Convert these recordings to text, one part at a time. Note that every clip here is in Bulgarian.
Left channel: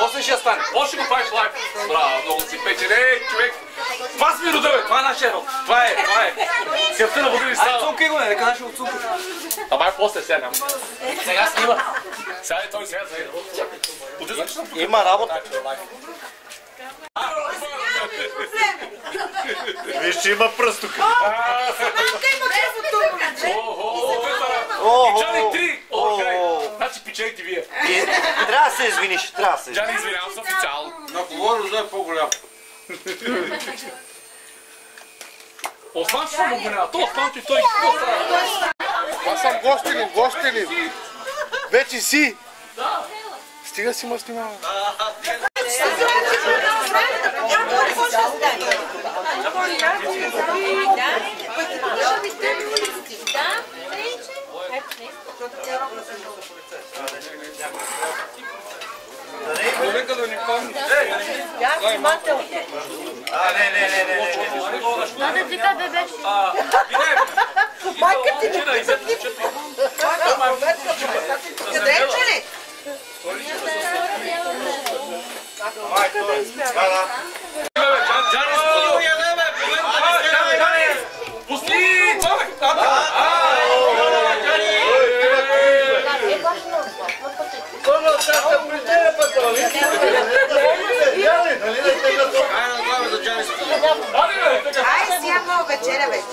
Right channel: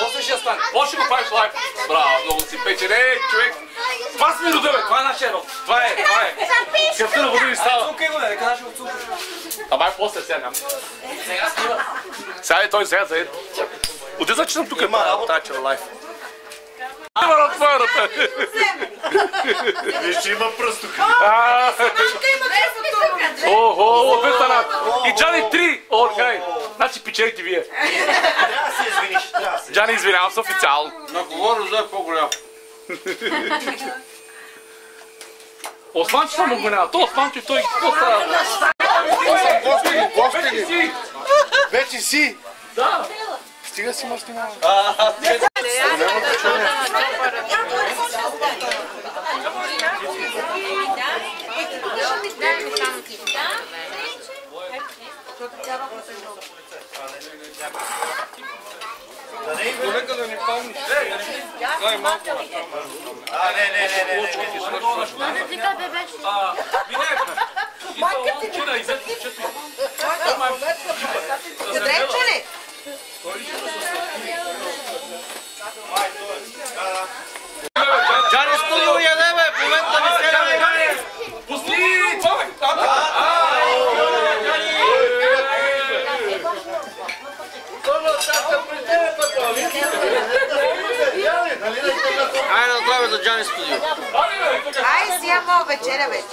После ще стане. Може го правиш лайк. Браво, много си печен. Ей, човек. Това си ми рода, бе. Това е нашия род. Това е. Скъпта на вода ни става. Цункай го, нека нашия отцунка. Ама е после, сега няма. Сега снима. Сега е той сега заеде. Отиза, че съм тук. Има работа. Лайф. Това е ръта. Виж, че има пръст тук. Охо, и Джани 3 от край. Значи печелите вие. Трябва да се извиниш, трябва да се. Джани, извинявам се официално. На кого Роза е по-голям? Осман, че съм обвинява. То Осман, че той какво става? Аз съм гостелин. Вече си. Стига си ма снимава. Нека да ни помниш. Надо ти къде беше? Майка ти не къде е, че Джани студио ядеме, в момента не се ядеме. Пусти! Айде да главаме за Джани студио. Ай, си ямо вечеря вече.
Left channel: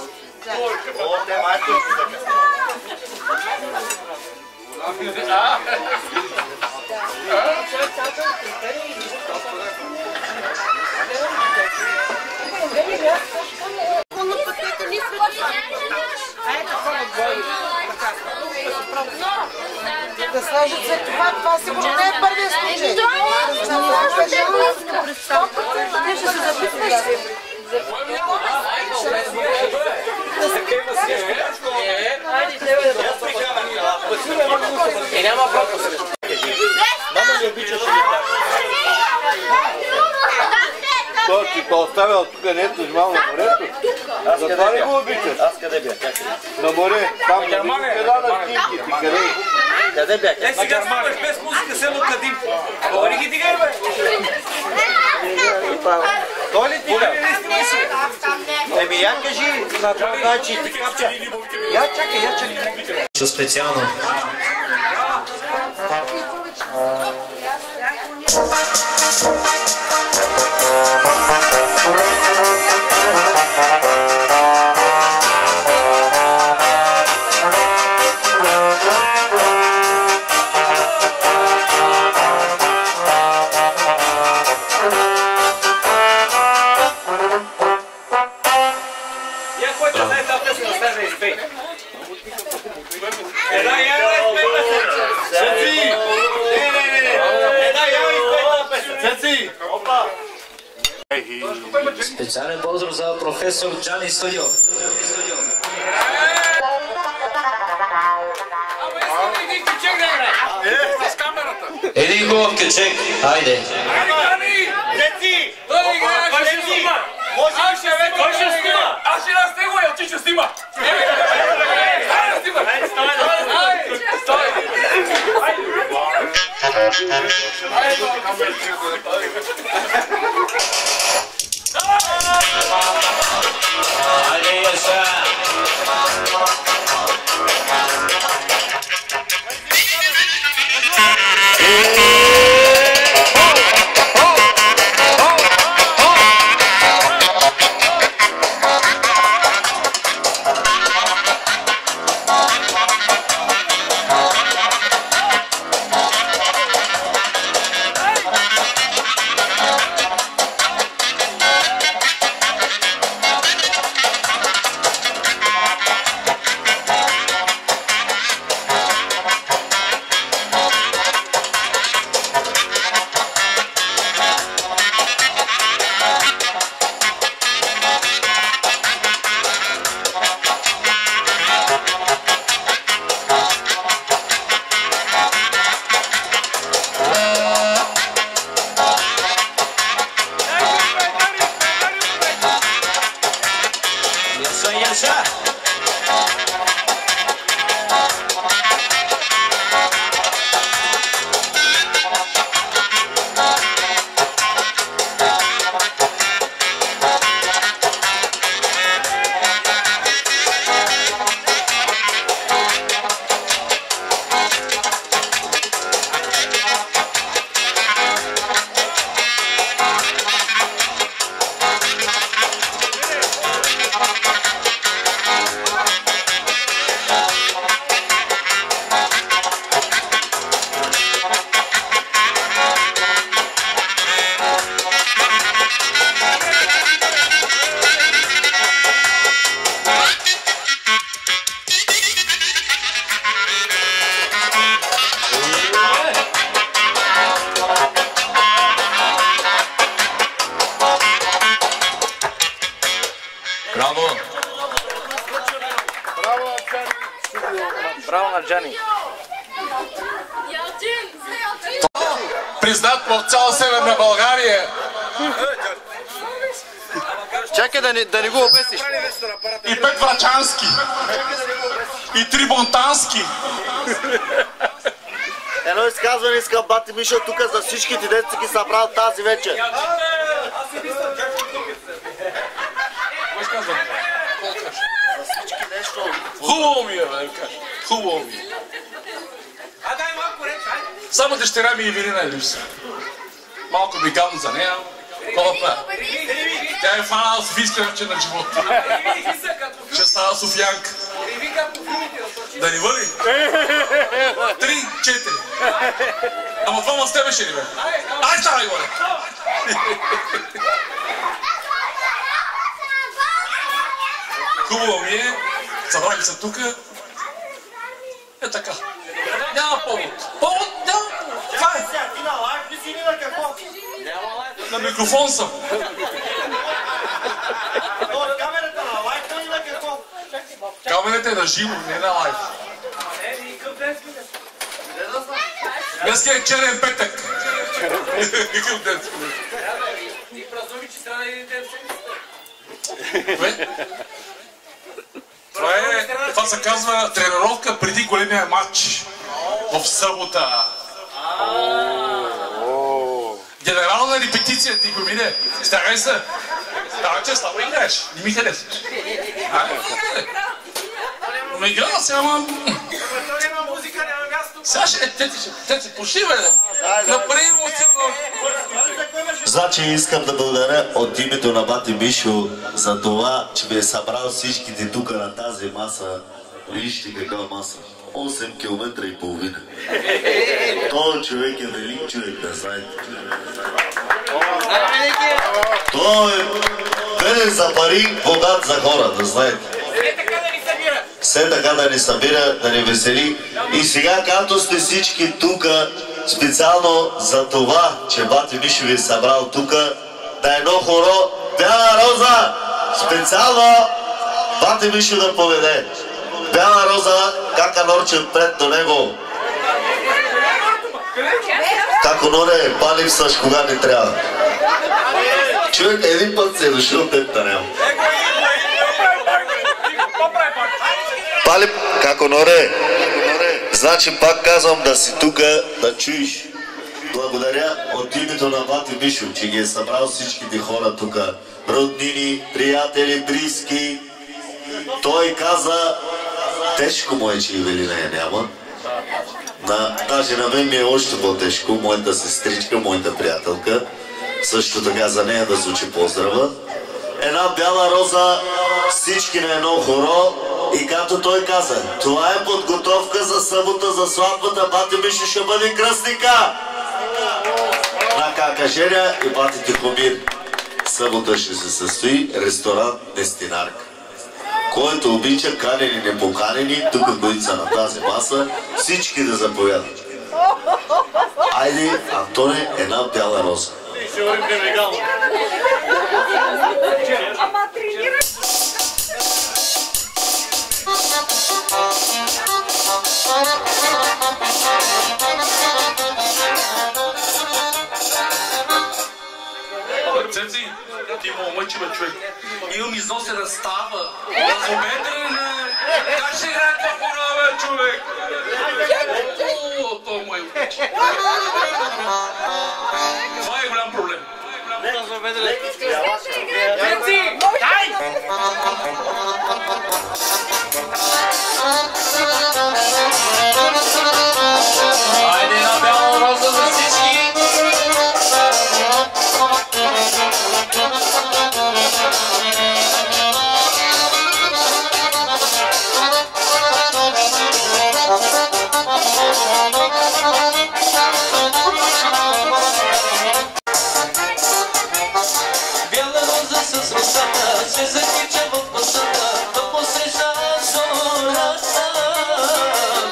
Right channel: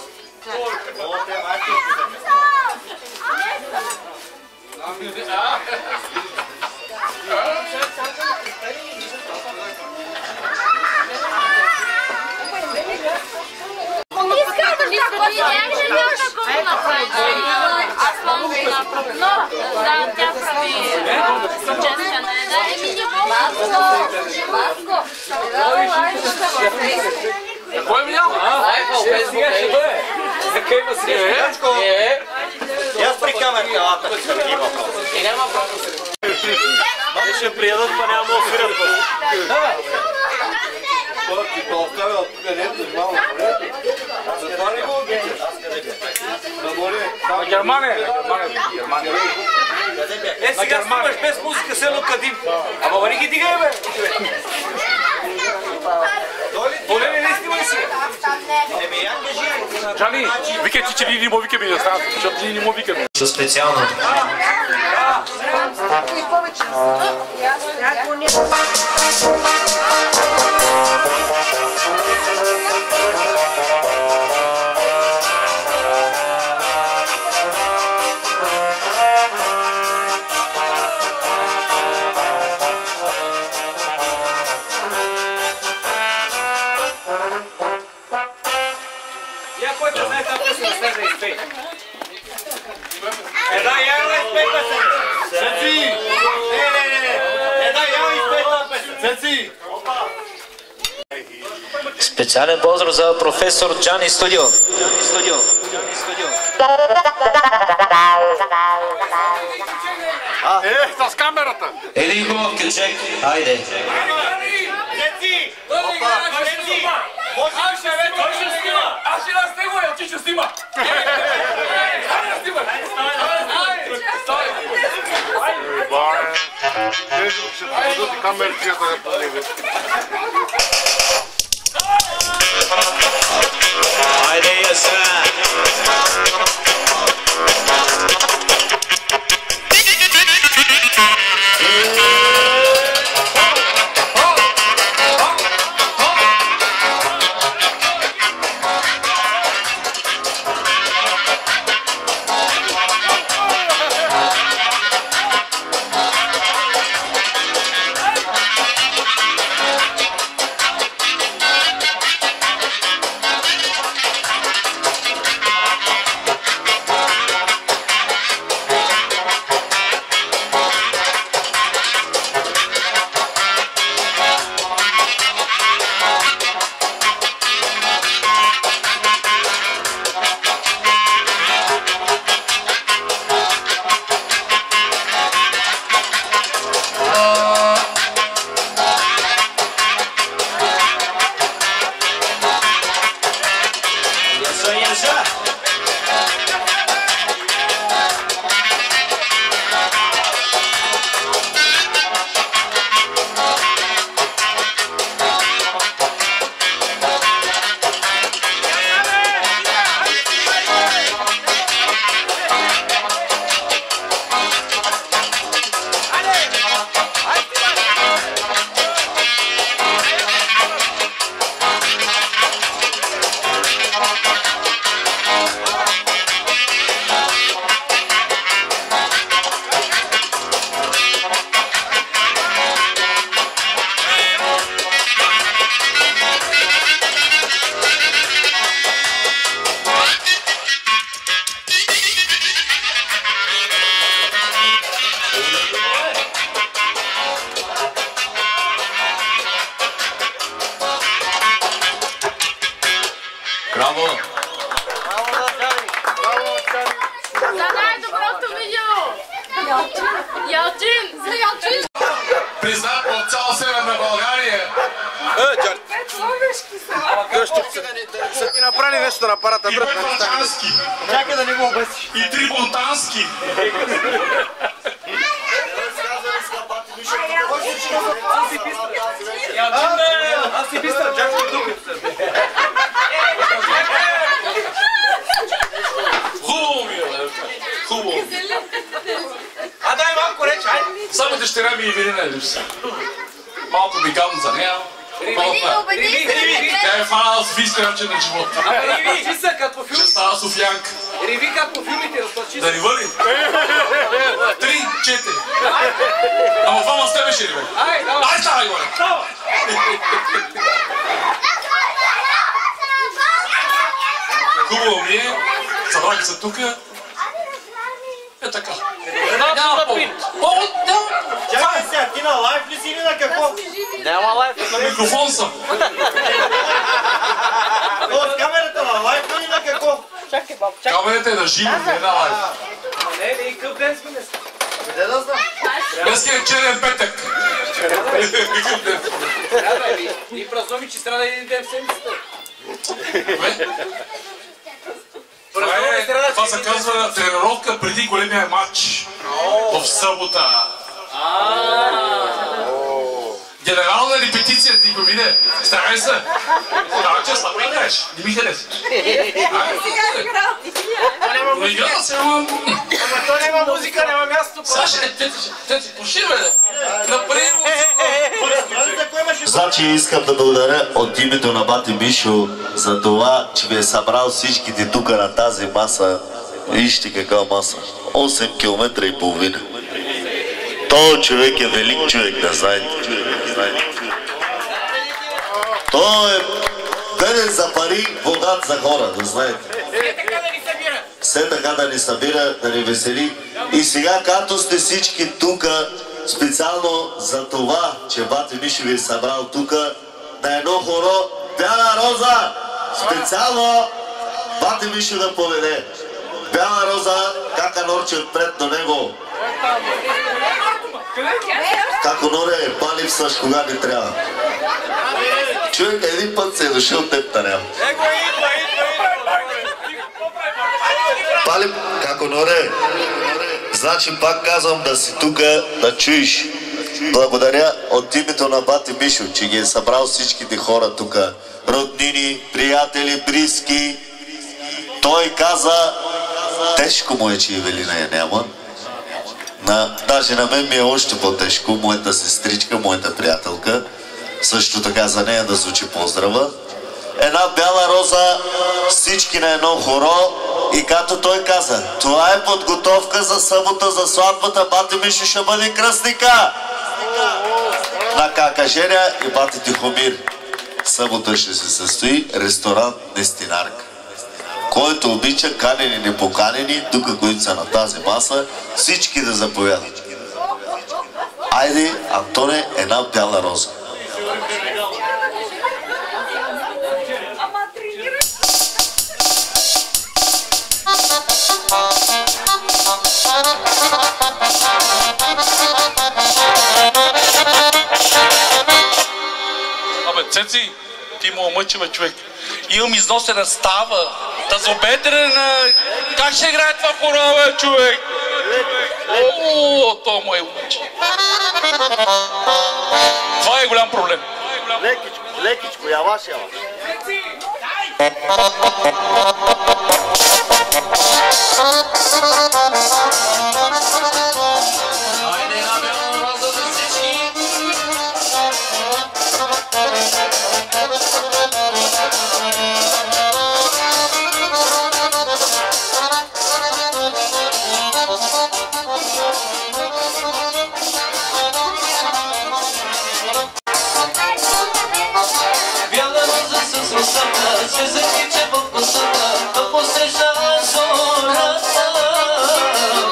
Кой ми няма? Сега ще бъде. Така има среща. Аз при камерата. И няма пропуск. Мамо ще приедат, няма да Той ти то оставя от тук нето, жмал на морето. Затова не го обичаш. Аз къде бях? На море. На Германия. Къде бях? Е, сега снимаш без музика село Кадим. Ама вали ги дигай, бе. Той ли ти? Поле не снимай сега. Еми, я кажи. Джани, викайте, че ни му викаме, не знам, защото ни му викаме. Специално. Я който знае тази песен да стане изпей. Една ява изпей песен. Цеци! Не. Една ява изпей тази песен. Цеци! Специален поздрав за професор Джани студио. С камерата. Един хубав кючек. Хайде. Цеци! Той играе, ще снима. Той ще снима. Аз ще раз него и ти ще снима. Дай да снима. Хайде, яса. на Джани. Признат в цяла Северна България. Чакай да не го обесиш. Направи нещо на апарата. И Петвачански. Чакай да не го обесиш. И Трибунтански. Едно изказване иска бати Мишо тук за всичките деца ги събрал тази вечер. Аз си мисля, чакай тук. Хубаво ми е, бе, хубаво ми е. А дай малко реч, айде. Само дъщеря ми Ивелина е липса. Малко ми гадно за нея. Тя е фанала Софийска вечер на живота. Ще става Софиянка. Да ни вали? 3, 4. Ама двама с тебе ще ли бе? Ай, ставай горе! Хубаво ми е. Събраха се тука. Е така. Няма повод. Повод? Няма повод. Чакай сега, ти на лайф ли си или на какво? Няма лайф. На микрофон съм. От камерата на лайф ли или на какво? Камерата е на живо, не на лайф. Къде да съм? Днес е черен петък. Какъв ден? И празнуваме, че трябва да един ден в седмицата. Това се казва тренировка преди големия матч в събота. Генерална репетиция ти го виде. Старай се. Да, че слабо играеш. Не ми хареса. Не играла се, ама... То няма музика, няма място. Сега ще пуши, бе. Напред му Значи искам да благодаря от името на бати Мишо за това, че ви е събрал всичките тук на тази маса. Вижте каква маса. 8 км и половина. Той човек е велик човек, да знаете. Той е беден за пари, богат за хора, да знаете. Все така да ни събира, да ни весели. И сега, като сте всички тук, специално за това, че бати Мишо ви е събрал тук, на едно хоро Бяла Роза, специално бати Мишо да поведе. Бяла Роза, кака Норче пред до него. Како Норе, па-липсваш кога не трябва. Човек един път се е дошъл, теб да няма. Пали, како Норе, значи пак казвам да си тука, да чуеш. Благодаря от името на бати Мишо, че ги е събрал всичките хора тука. Роднини, приятели, близки. Той каза, тежко му е, че Ивелина я няма. Даже на мен ми е още по-тежко, моята сестричка, моята приятелка. Също така за нея да звучи поздрава. Една бяла роза, всички на едно хоро. И като той каза, това е подготовка за събота, за сватбата, бати Мишо ще бъде кръстника. На кака Женя и бати Тихомир. Събота ще се състои ресторант Дестинарка. Който обича, канени, непоканени, тук които са на тази маса, всички да заповядат. Айде, Антоне, една бяла роза. Абе, Цеци, ти му омъчива човек. Имам износена става, разобедрена. Как ще играе това хоро, бе, човек? О, то мой обича. Това е голям проблем. Лекичко, я ваша. Цеци, дай! Айде на бяла роза за всички! Бяла роза с росата се закича в косата, да посреща зората.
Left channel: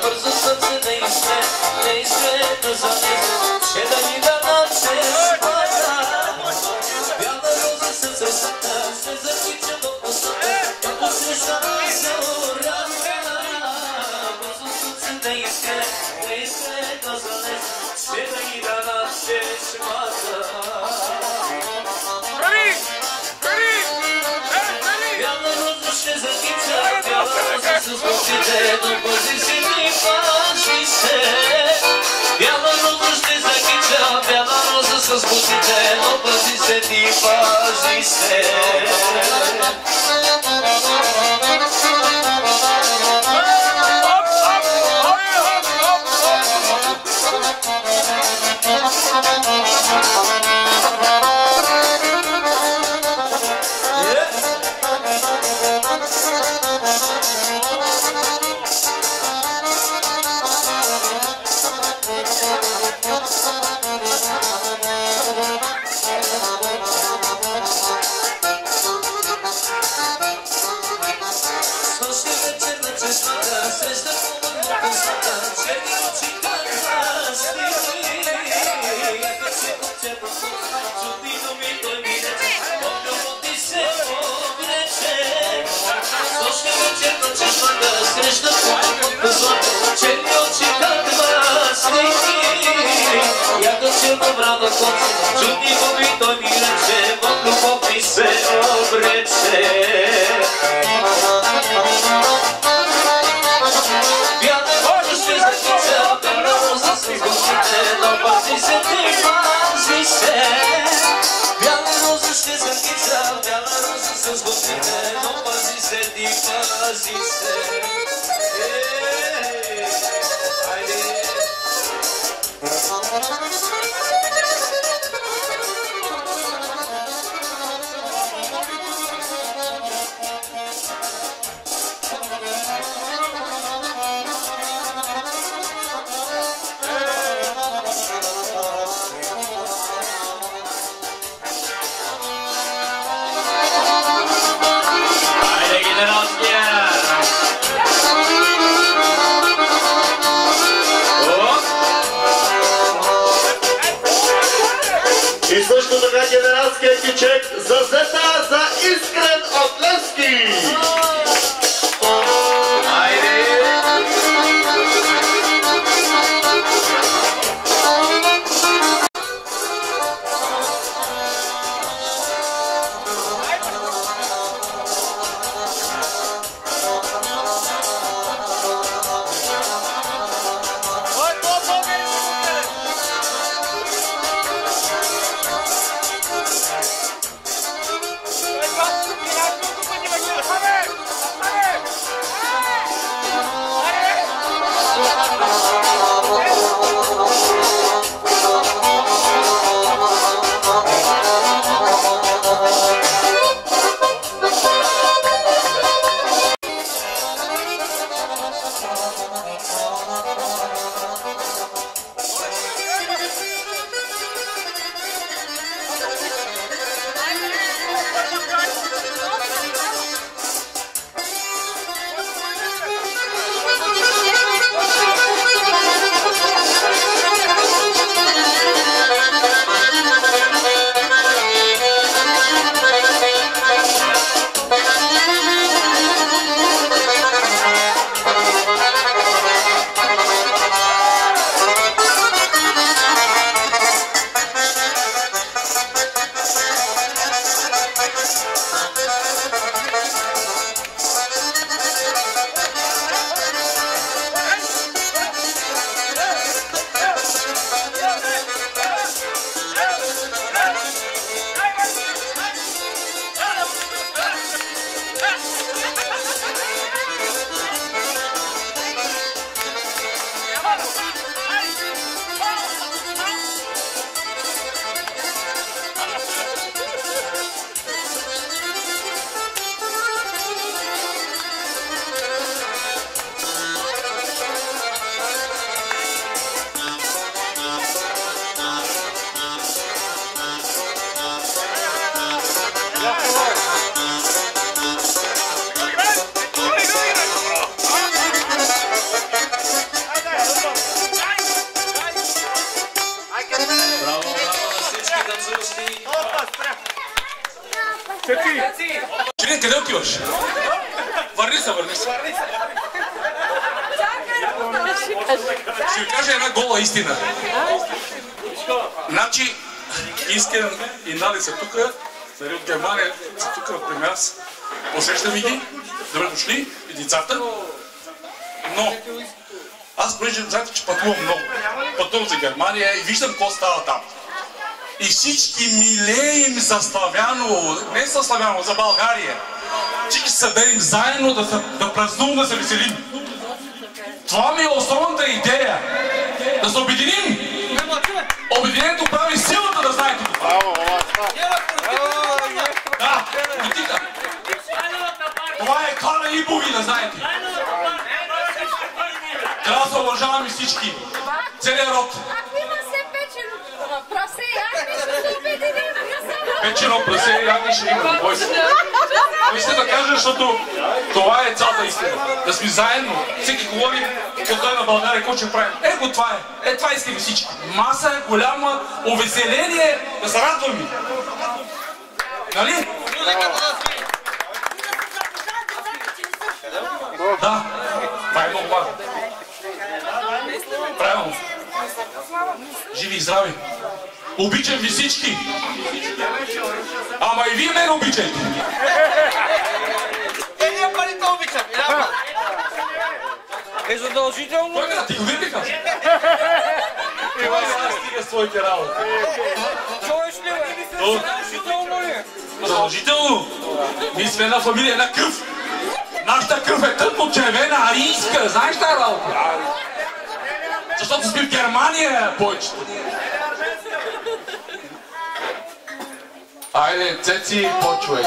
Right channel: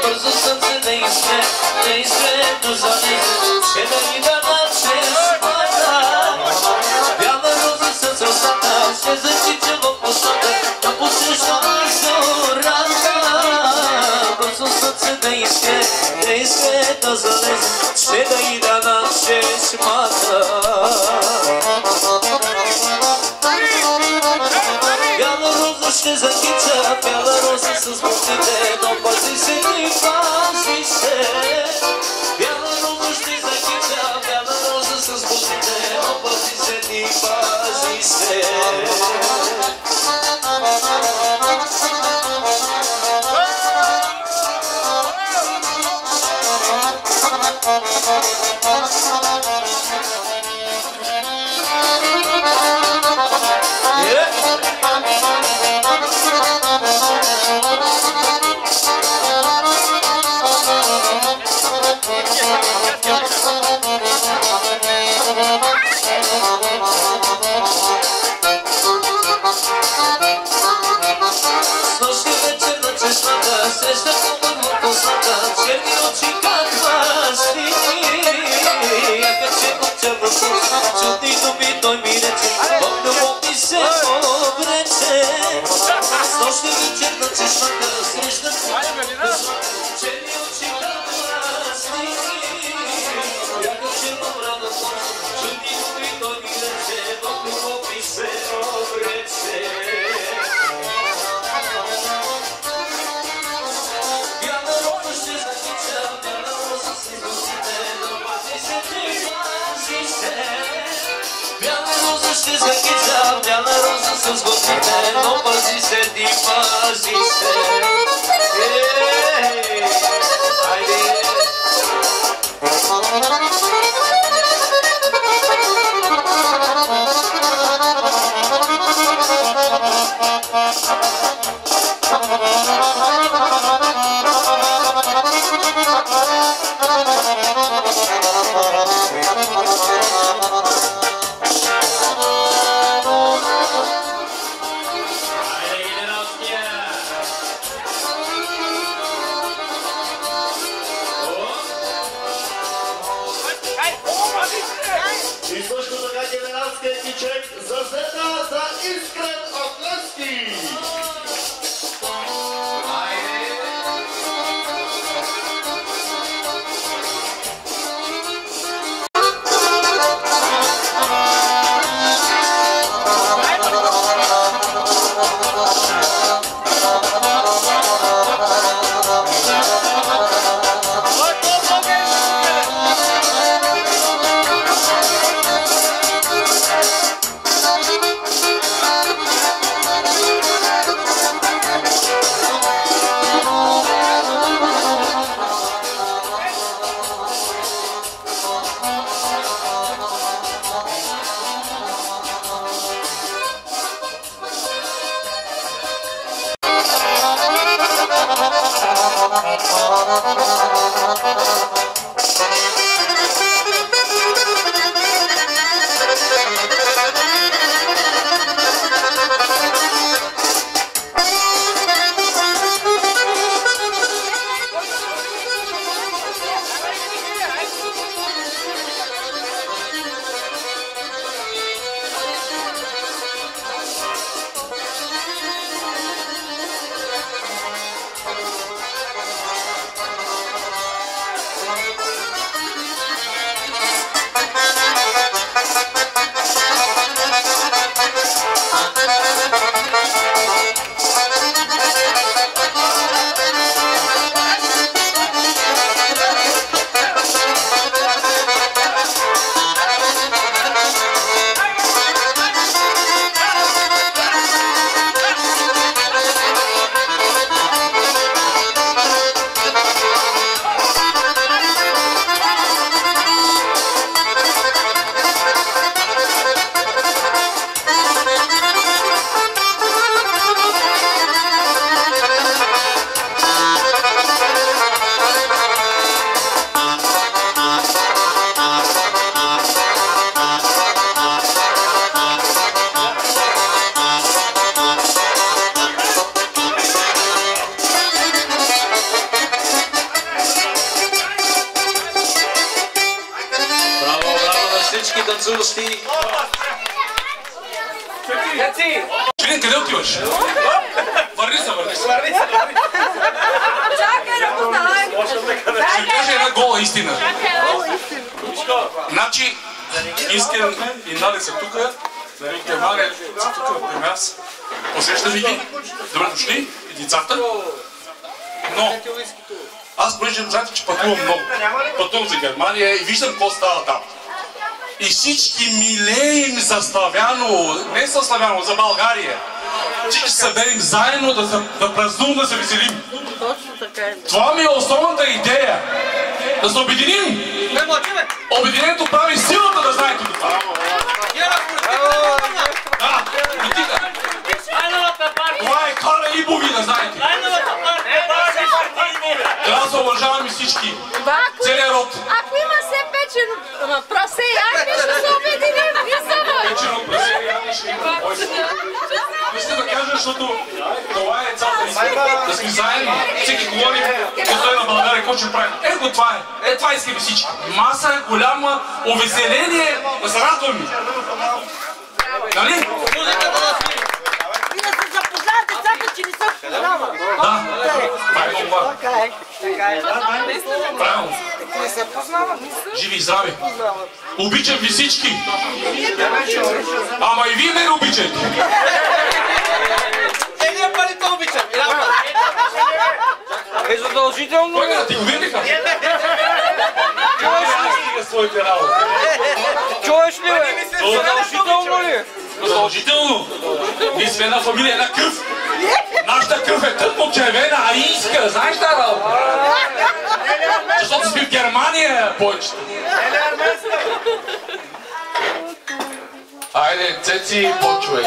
Бързо сърце да изпре до залез, ще да ни дадат чеспата. Бяла роза с росата се закича в косата, да посреща зората. Бързо сърце иска да залез, ще да и да начеш мата. Бяла роза ще закича, бяла роза с бутите, но пази се ти, пази се. Бяла роза ще закича, бяла роза с бутите, но пази се ти, пази се. Чудни губи той ми рече, в любов ми се обрече. Бяла роза ще закича, бяла роза с бутите, но пази се ти, пази се. Бяла роза ще закича, бяла роза с бутите, но пази се ти, пази се. Хайде! И също така генералския кичек за Зета за Искрен от Левски. Член, къде отиваш? Върни се. Ще ви кажа една гола истина. Значи, Искрен и Нади са тук, от Германия са тук при нас. Посрещаме ги, добре дошли и децата. Но, аз понеже знаете, че пътувам много. Пътувам за Германия и виждам какво става там. И всички милеем за Славяно, не за Славяно, за България. Всички се съберем заедно да празнуваме, да се веселим. Това ми е основната идея. Да се обединим. Обединението прави силата, да знаете това. Да, това е Кара Ибови, да знаете. Трябва да се уважаваме всички. Целият род. Ако има се печено прасе и ягне, ще се обединим. Печено прасе и ягне ще има. Искам да кажа, защото това е цялата истина. Да сме заедно. Всеки говори, като е на България, какво ще правим. Ето това е. Ето това искаме всички. Маса, голяма, увеселение, да се радваме. Нали? И да се запознаят децата, че не са познават. Да, това е много важно. Правилно. Живи и здрави. Обичам ви всички. Ама и вие ме обичайте. Ние парите обичам. Е задължително. Кой да ти го видиха? Това е стига своите работи. Чуеш ли, бе? Задължително ли? Задължително. Ние сме една фамилия, една кръв. Нашата кръв е тънко червена, арийска. Знаеш тази работа? Защото сме в Германия, повечето. Айде, Цеци, почвай.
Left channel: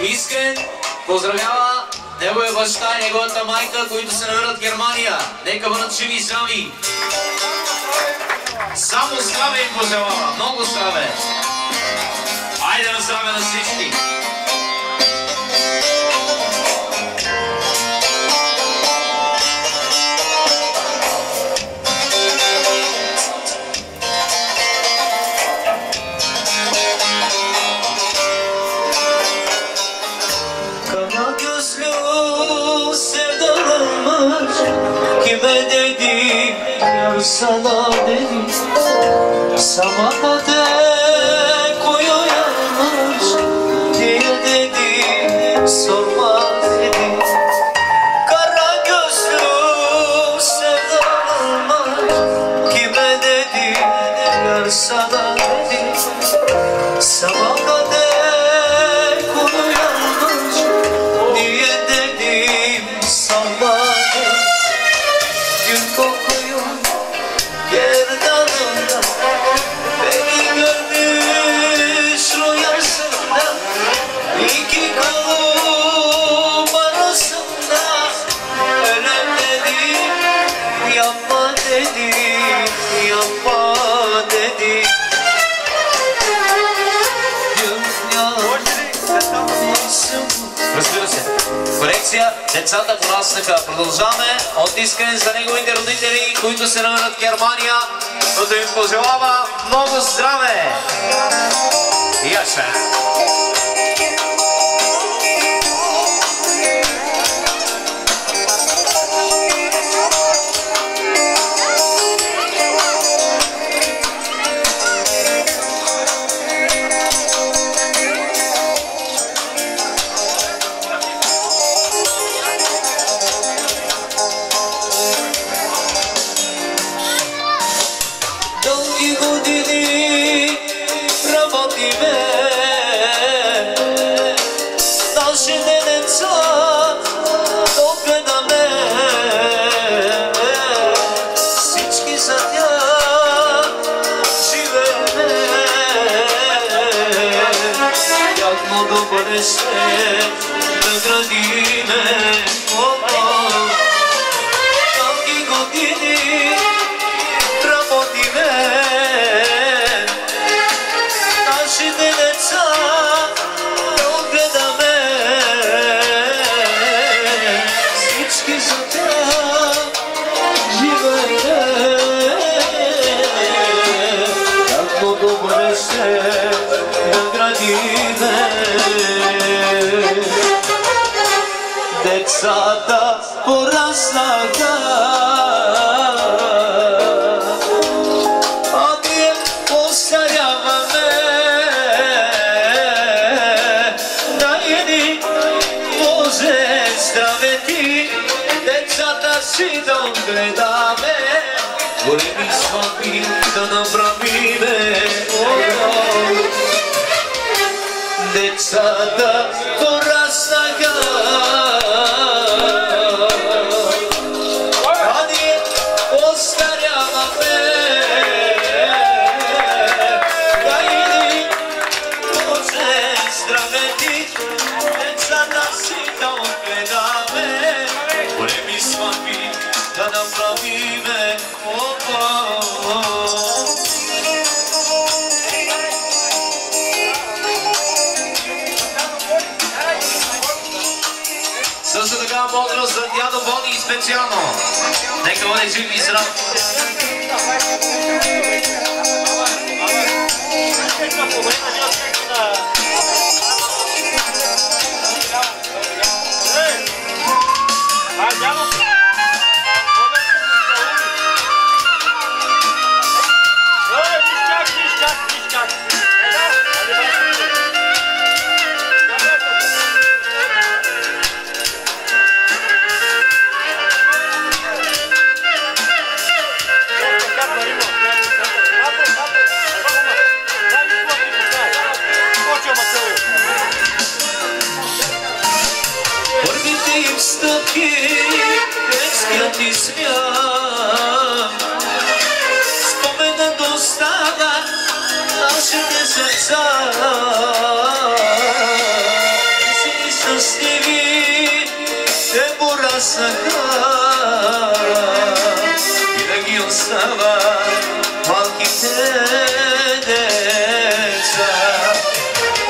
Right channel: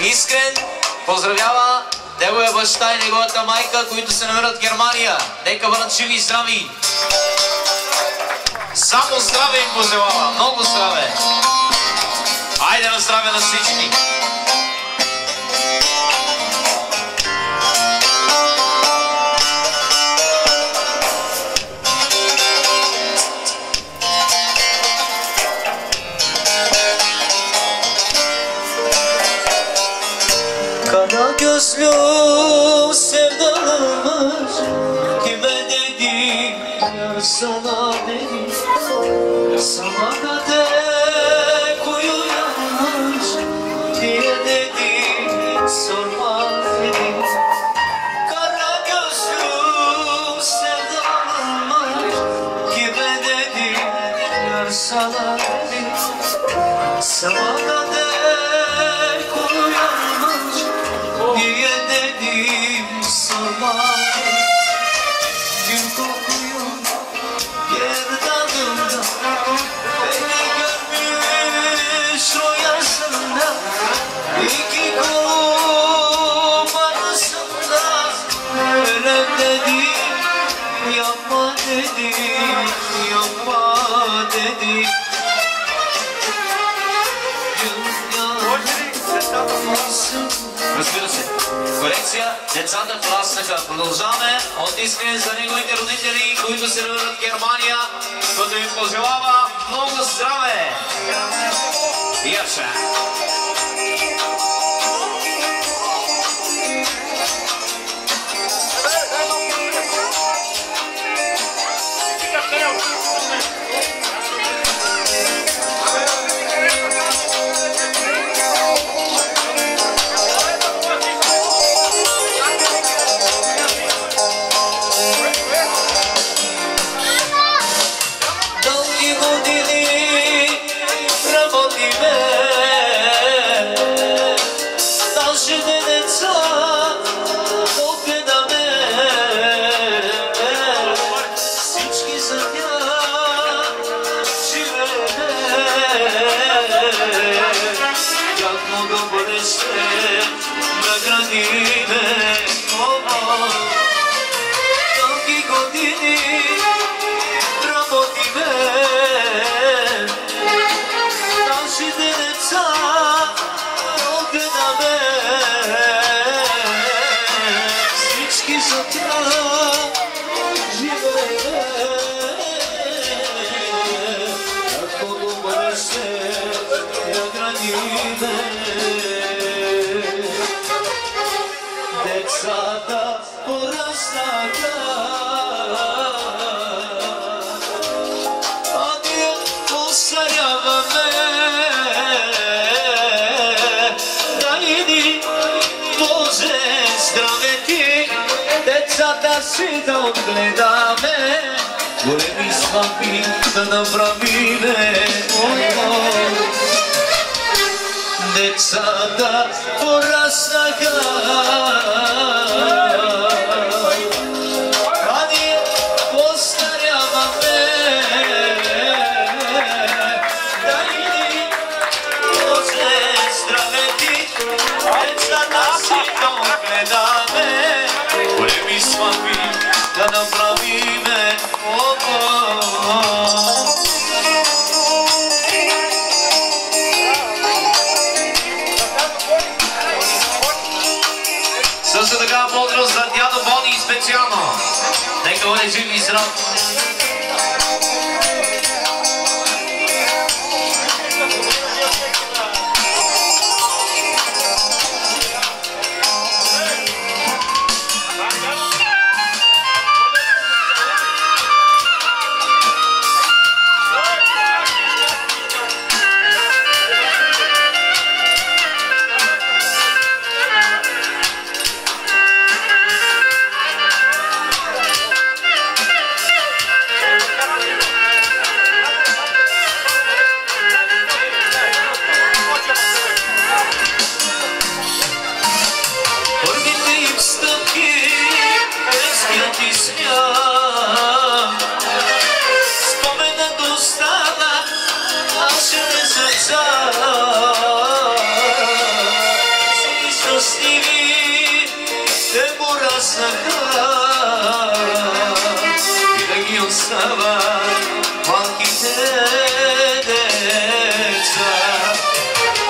Искрен поздравява неговия баща и неговата майка, които се намират в Германия. Нека бъдат живи и здрави. Само здраве им пожелава. Много здраве. Айде на здраве на всички. Gözlü sevdalanmış kime dedim yar sana dedim sabaha dek uyuyanmış diye dedim sorma dedim kara gözlü sevdalanmış kime dedim yar sana dedim sabaha dek uyuyanmış niye dedim sabah gün kokuyor gerdanımda beni görmüş rüyasında iki kolum arasında ölüm dedim yapma dedim yapma dedim Разбира се. Корекция, децата пораснаха. Продължаваме от Искрен за неговите родители, които се намират в Германия, като ви пожелава много здраве! И яша! пораснаха. А ние остаряваме. Найди Боже здраве ти, децата си да отгледаме, големи сватби да направиме. Децата пораснаха, а ние остаряваме. Дайди Боже здраве ти, децата си да отгледаме, големи сватби да направиме. Също така бодрост за дядо Бони специално. Нека бъде жив и здрав. Спомена достава нашите сърца, си щастливи те пораснаха, винаги остава малките деца.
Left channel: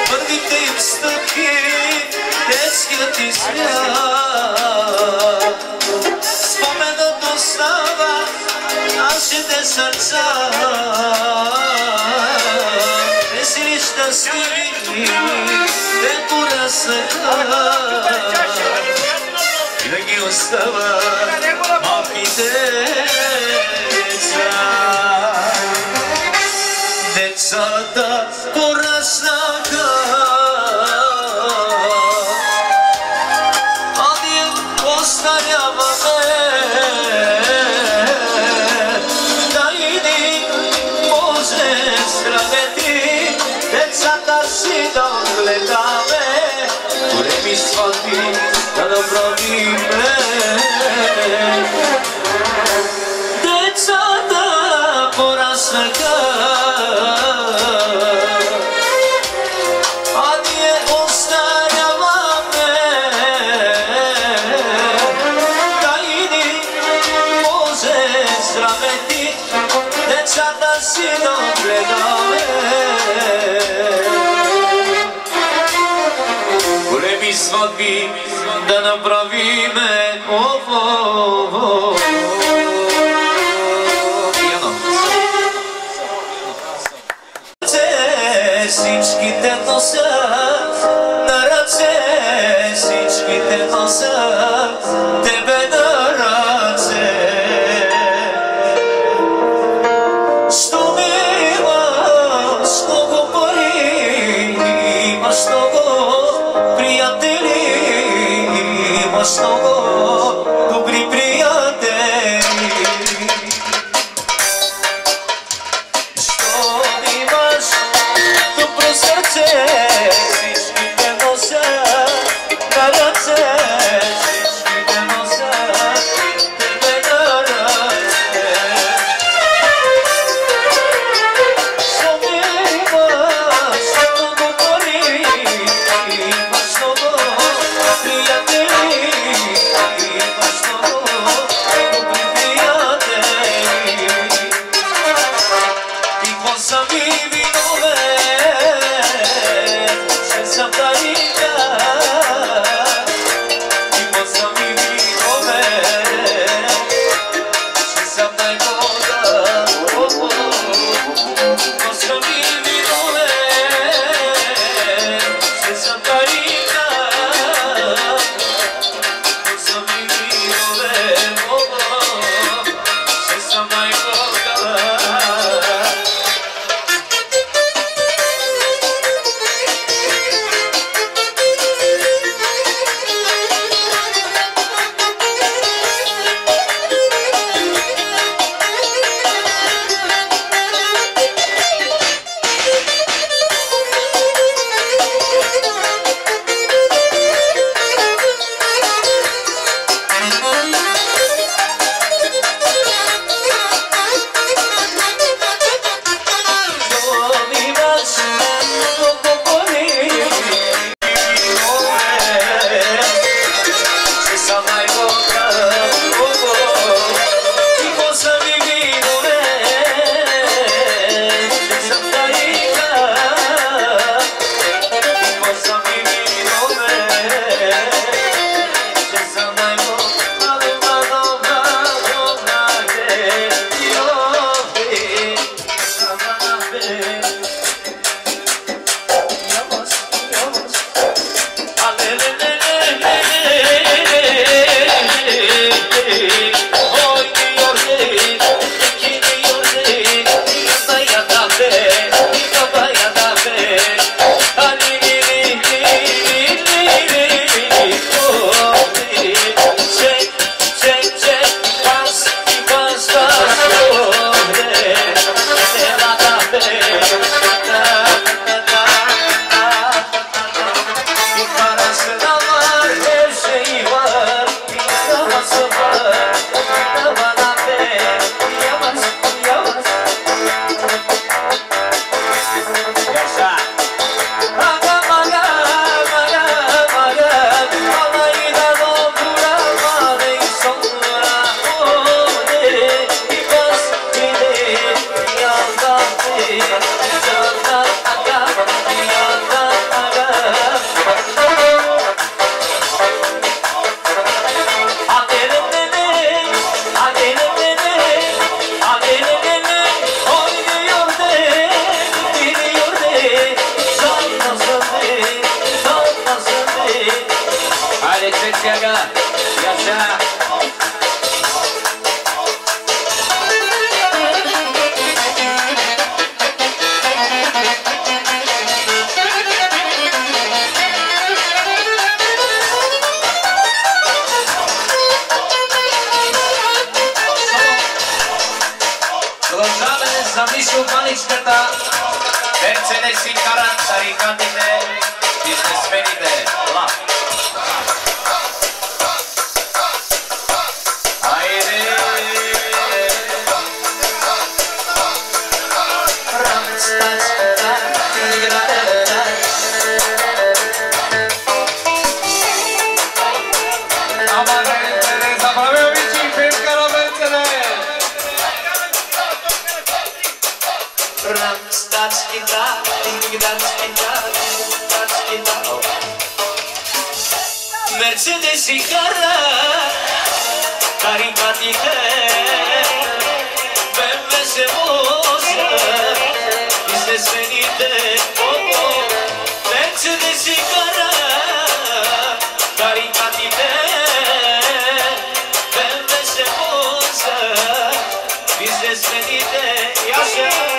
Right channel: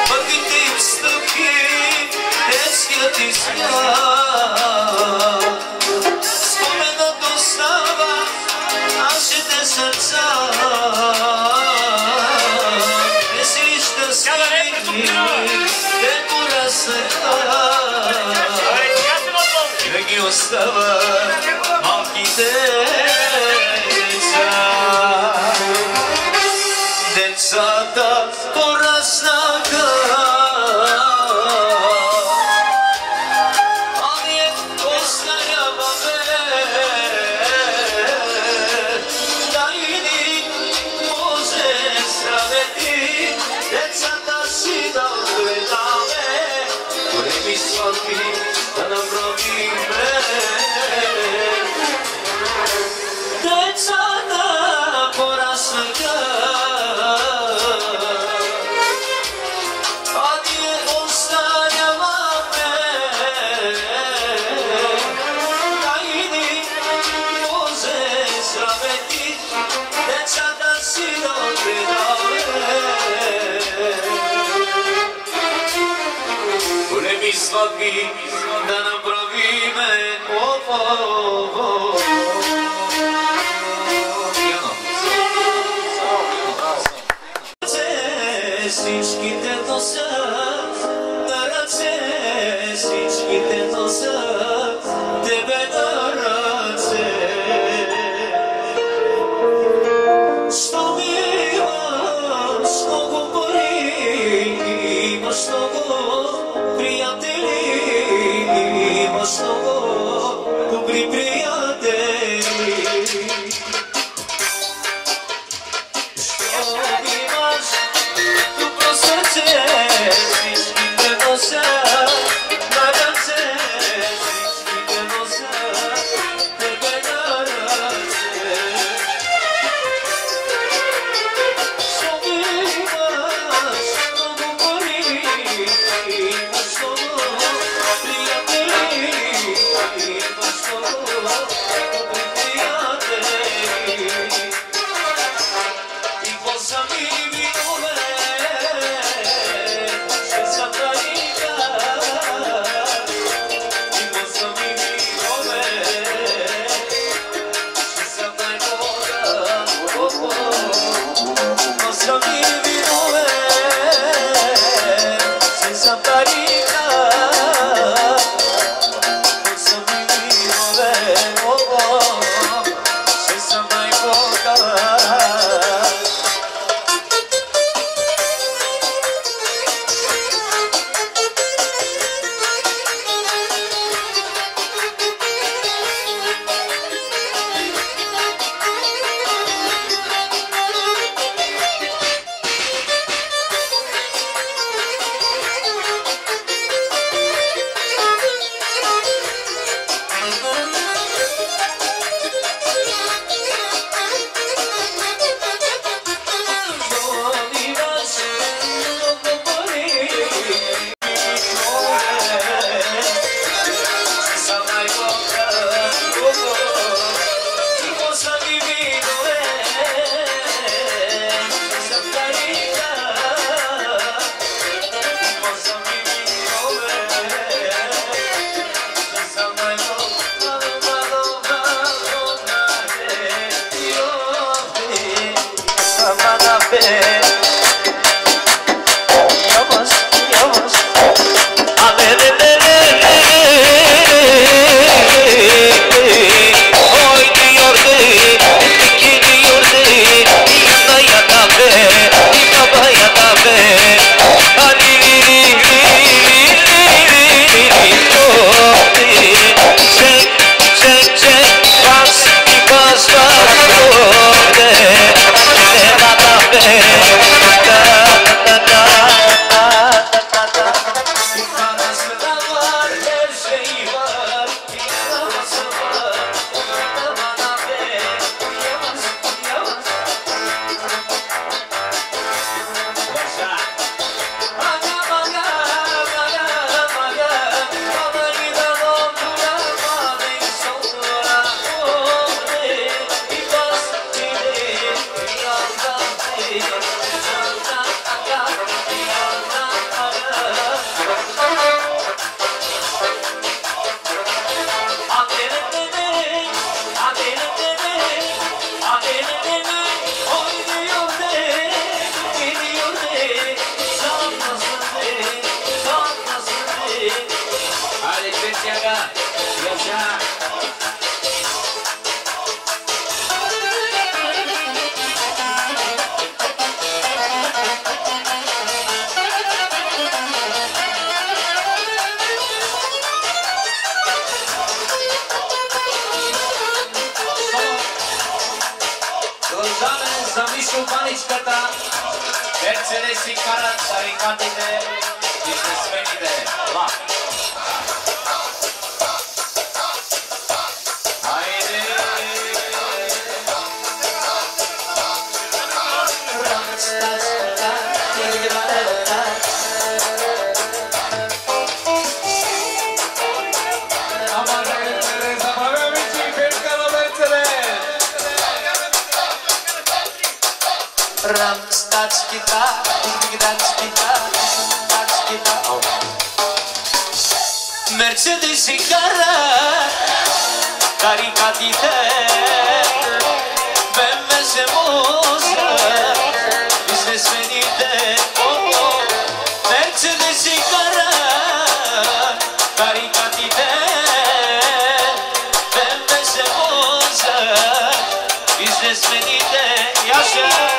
Първите им стъпки, детският им смях, споменът остава нашите сърца. Весели щастливи те пораснаха, винаги остава малките деца. Децата пораснаха, а ние остаряваме. Найди Боже здраве ти, децата си да отгледаме, големи сватби да направиме. Децата пораснаха, а ние остаряваме. Найди Боже здраве ти, децата си да отгледаме, големи сватби да направиме. Всичките носят, на ръце всичките носят тебе на ръце. Що ми имаш много пари, имаш много приятели, имаш много Mercedes y cara, caricatite, bemme semosa, bize svenite, Mercedes y cara, caricatite, bemme semosa, bize svenite, yaşa.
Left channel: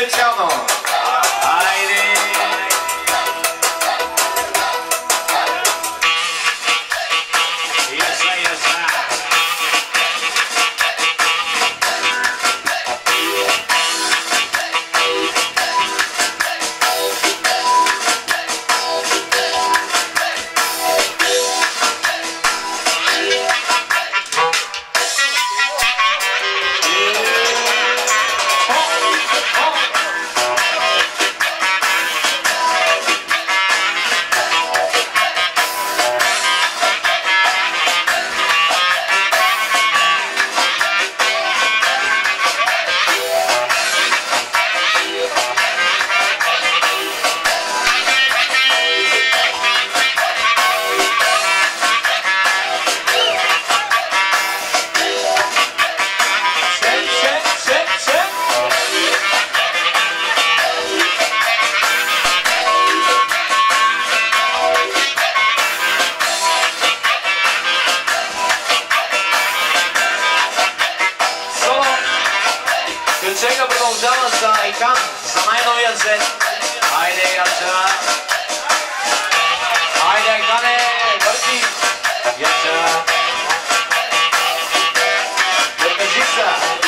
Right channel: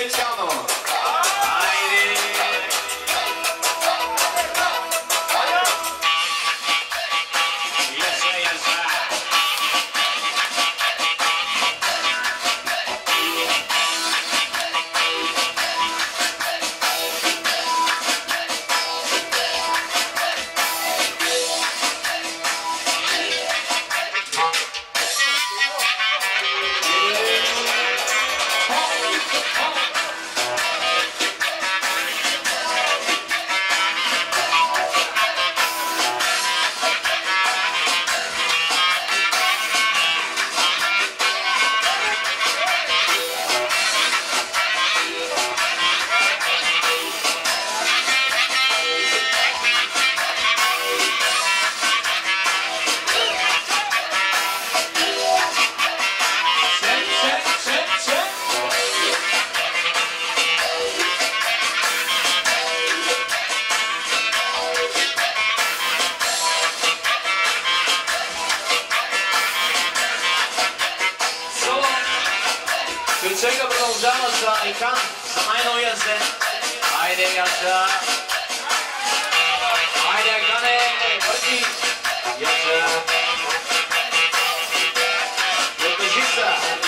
специално. Айде! Сега продължава за Икан, за най-новия свет. Айде, Яца! Айде, Икане! Върти! Яца! Покажи се!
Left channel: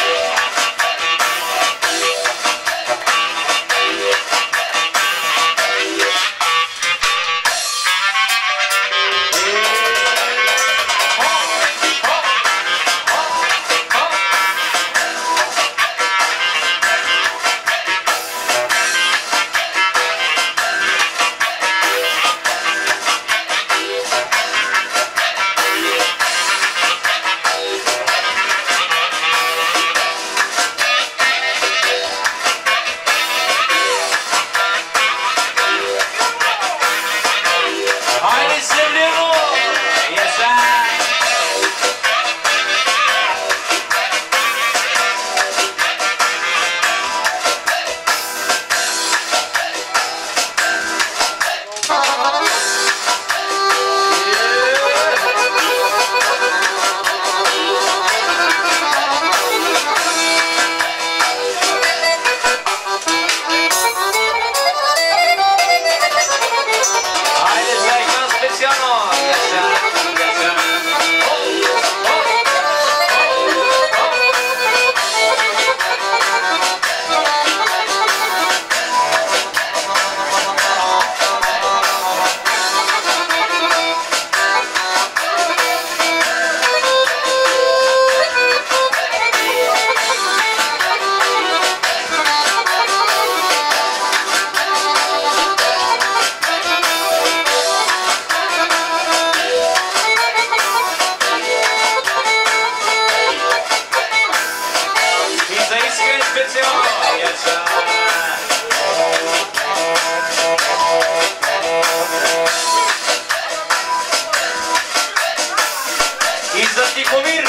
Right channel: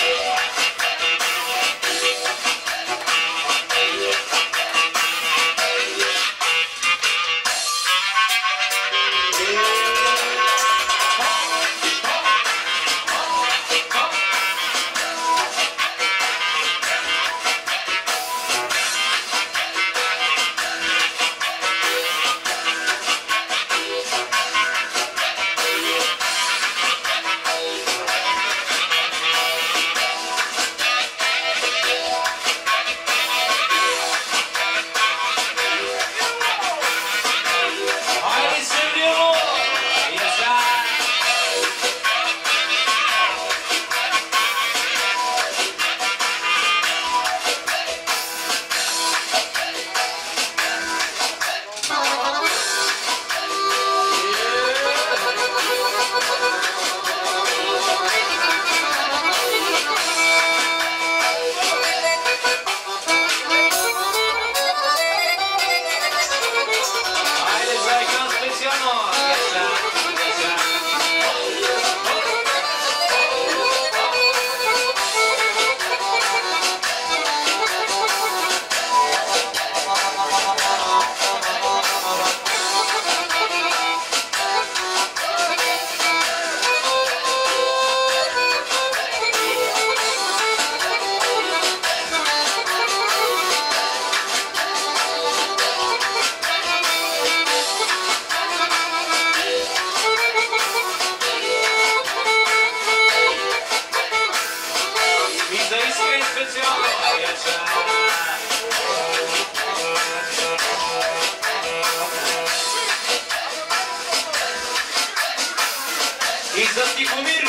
И за Тихомир!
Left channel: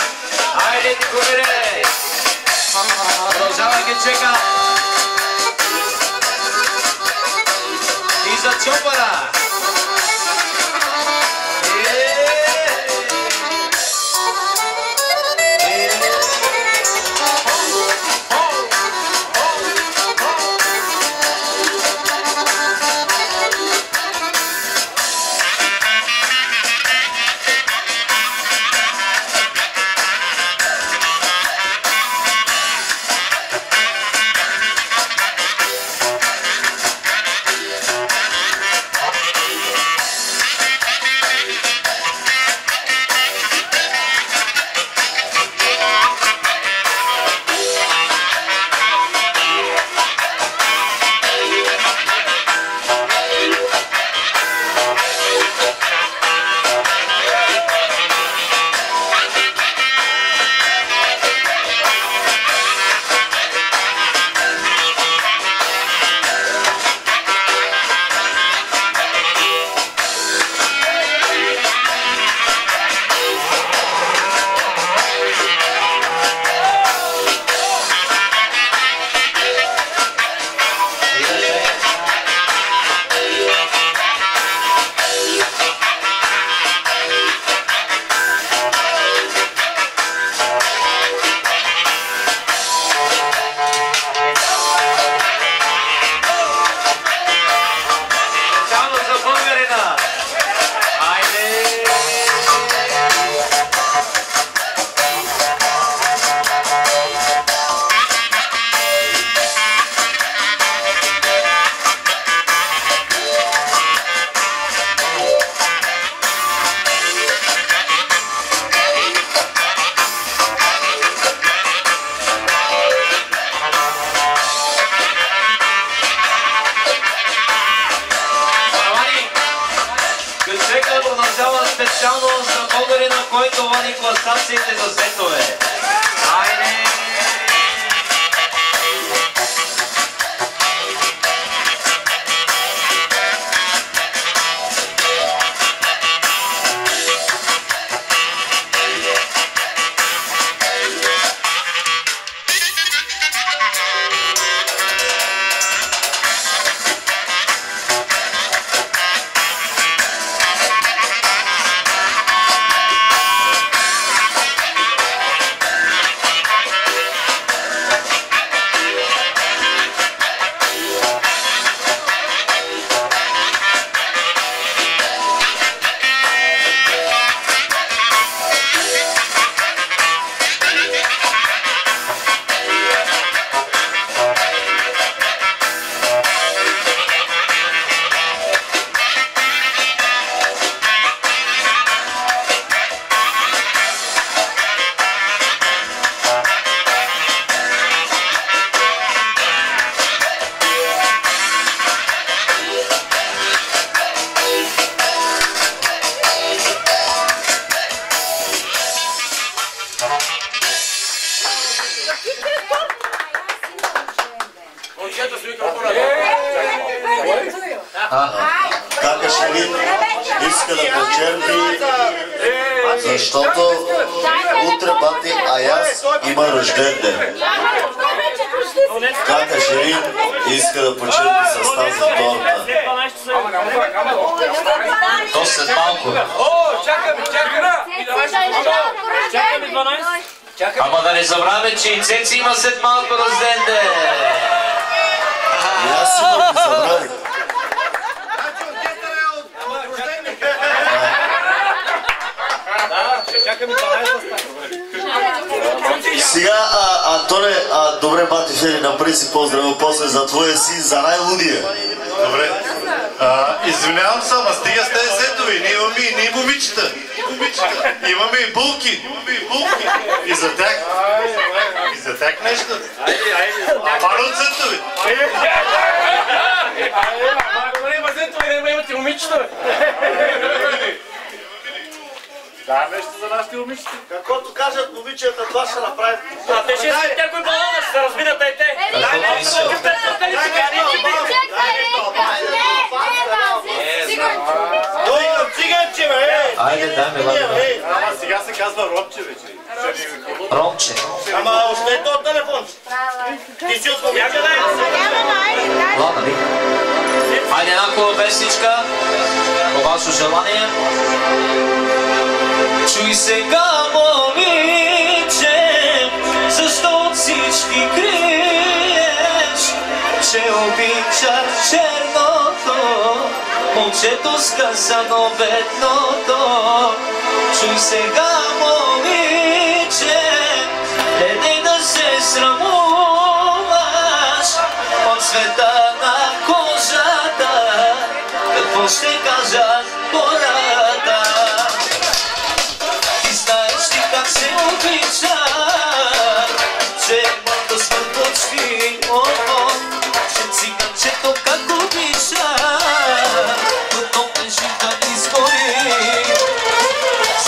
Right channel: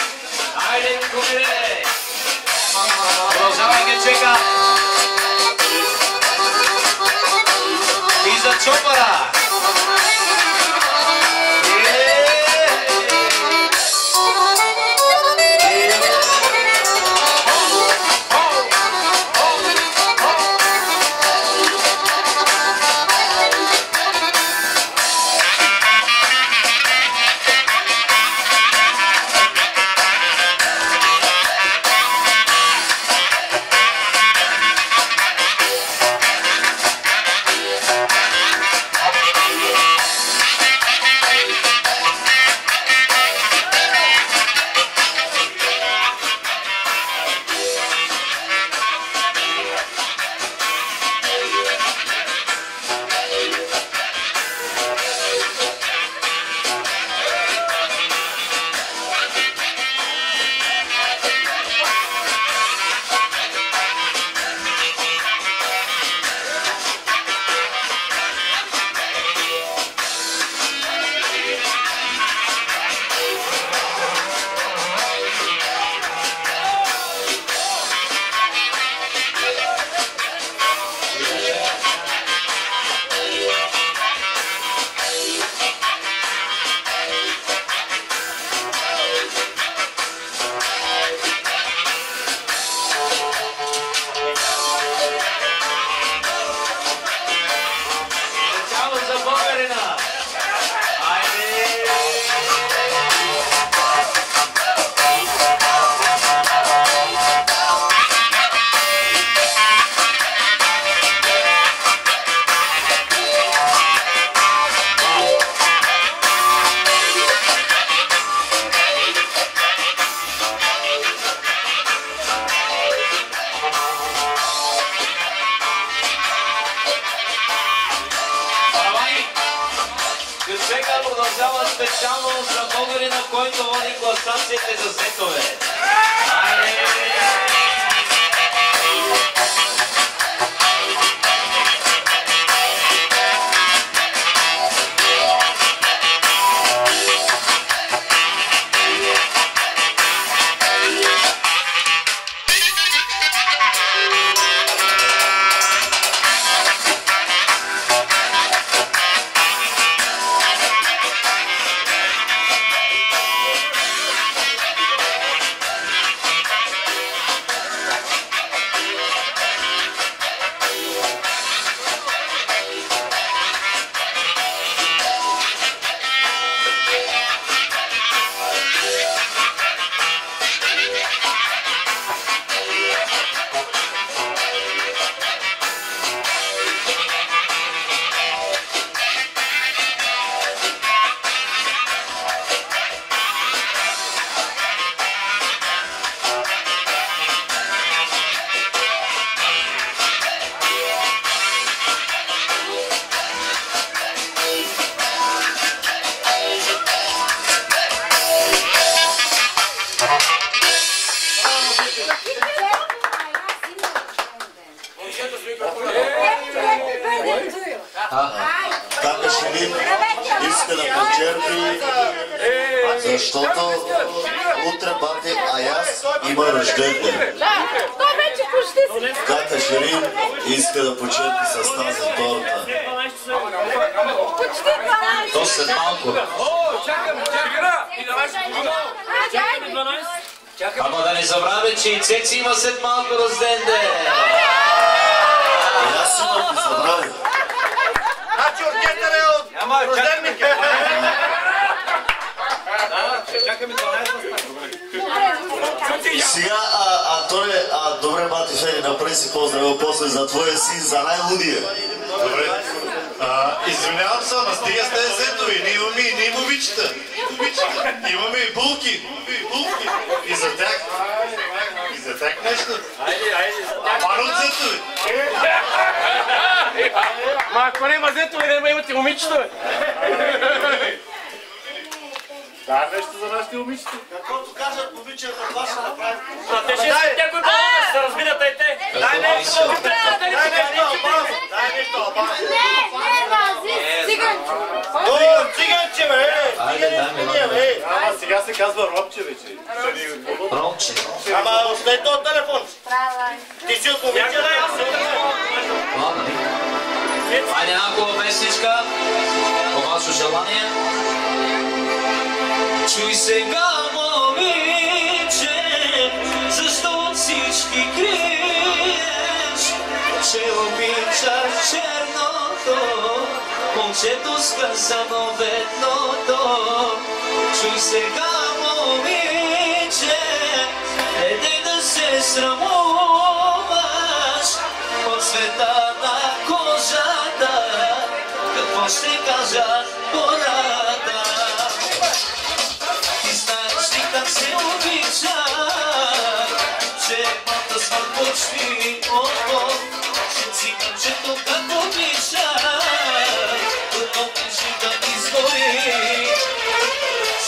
Айде, Тихомире! Продължавай ги чека! И за Чопара! специално за българина, който води класациите за сетове. Айде! Така Шерин иска да почерпи, защото утре бати Аяз има рожден ден. Така Шерин иска да почерпи с тази торта. То след малко. Ама да не забравяме, че и Цеци има след малко рожден ден. И аз сигурно ги забравих. Сега, Антоне, добре, бати Фери, направи си поздрава после за твоя син, за най-лудия. Добре. Извинявам се, ама стига с тези сетове. Ние имаме и ние момичета. Имаме и булки. И за тях. И за тях нещо. Пара от сетове. Ма ако не има сетове, няма имате момичета. Да, нещо за нашите момичета. Каквото кажат момичета, това ще направим. Те ще искат някой балона, ще се разбират и те. Дай нещо, циганче, бе! Айде, дай ми. Ама сега се казва Ромче вече. Ромче. Ама остави този телефон. Ти си от момичета. Ладно, ви. Айде една хубава песничка. По ваше желание. Чуй сега, момиче, защо от всички криеш, че обичаш черното, момчето сказано бедното. Чуй сега, момиче, не да се срамуваш от цвета на кожата, какво ще кажат хората. Как се обича, че моята смърт почти, че циганчето как обича, но живот изгори.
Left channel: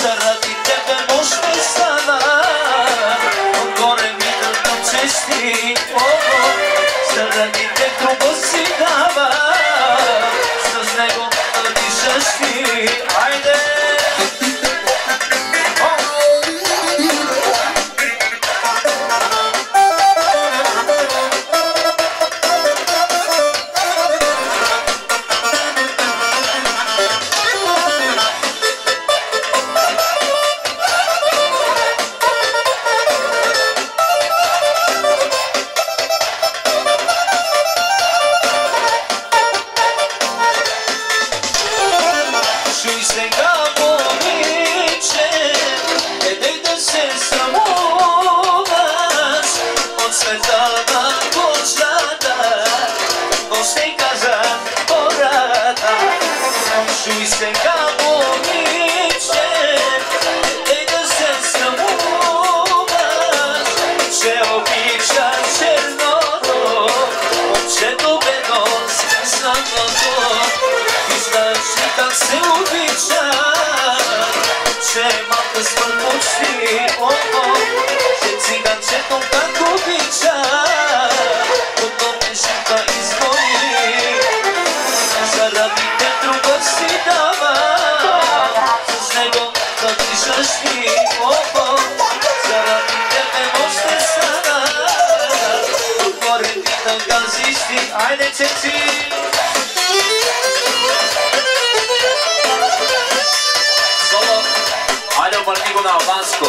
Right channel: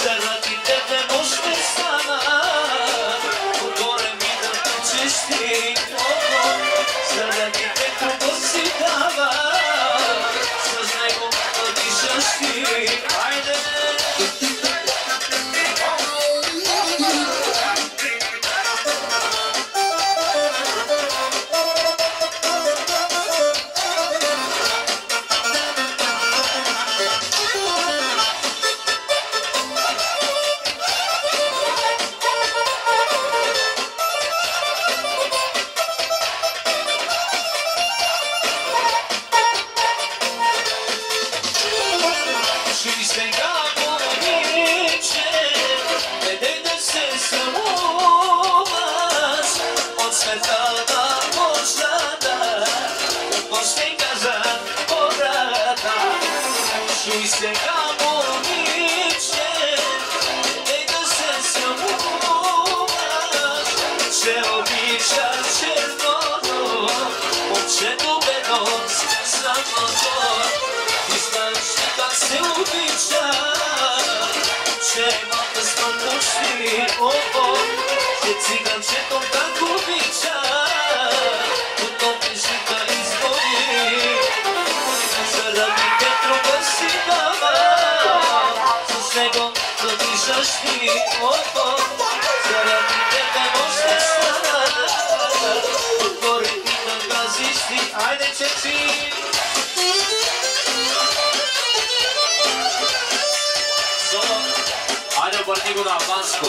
Заради тебе нощ ме стана, отгоре ми да чести, заради те друго си дава, с него да дишаш ти. Айде! Как се обича че малка смърточи, че циганчето как обича, като пешата избори, заради те друга си дава, с него да дишаш ти, заради тебе още стана, отгоре ти да газиш ти, айде чеци! Айде обърни го на албанско.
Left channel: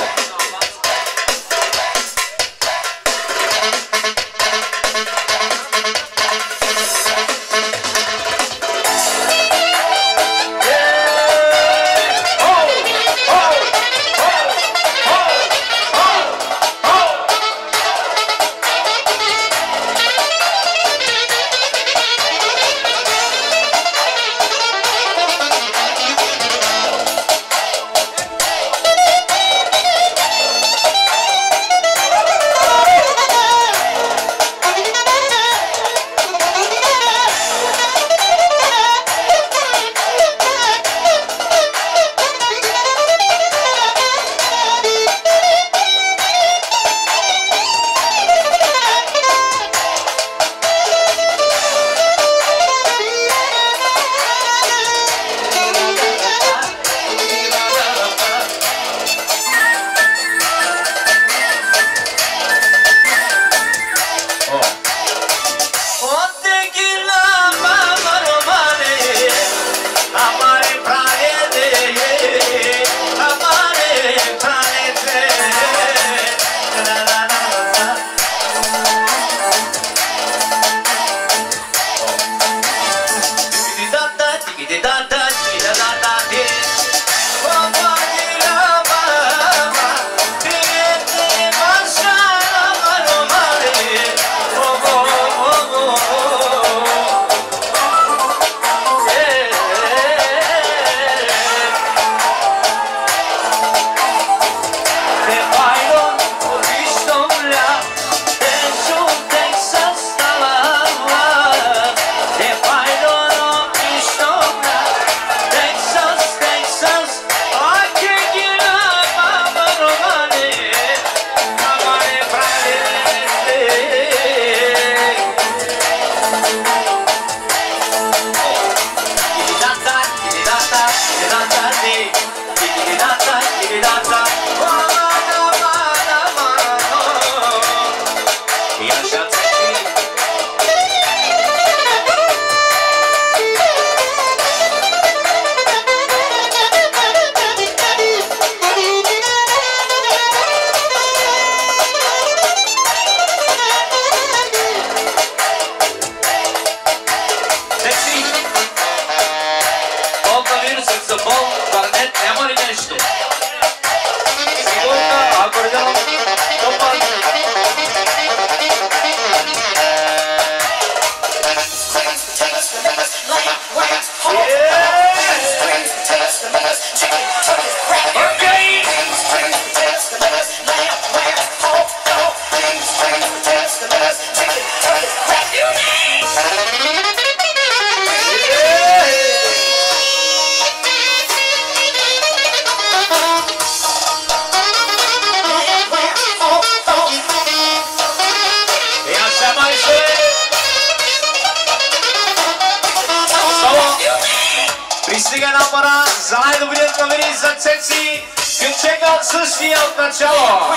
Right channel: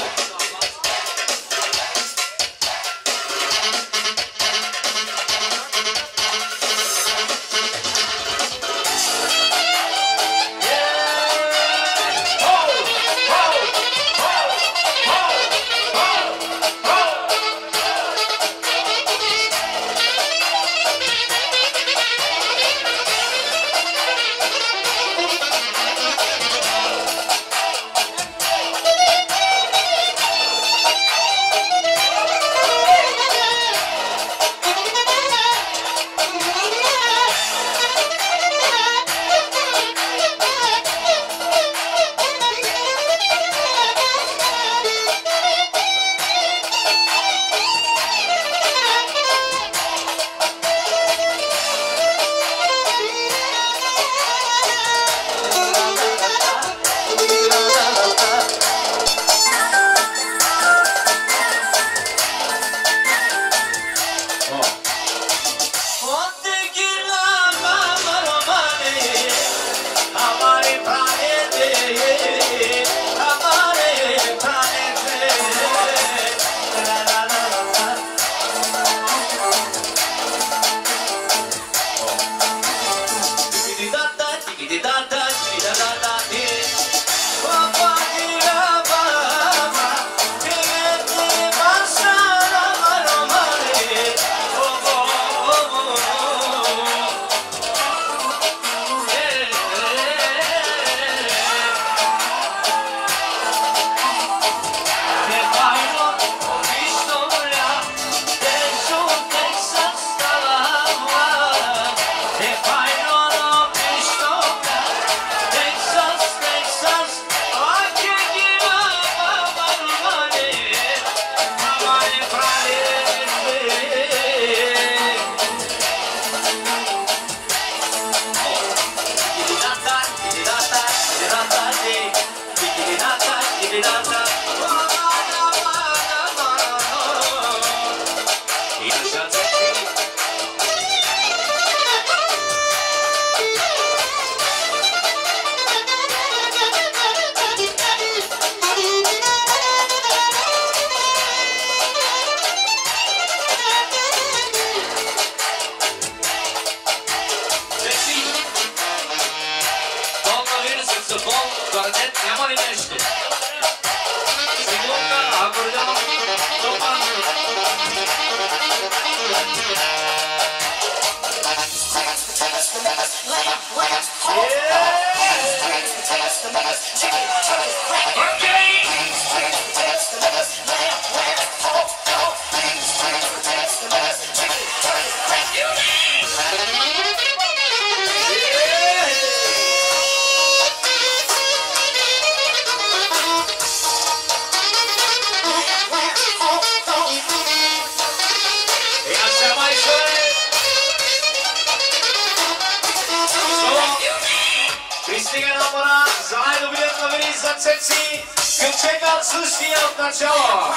Пристига на пара за най-добрият новини за Цеци. Кючека от същия от начало.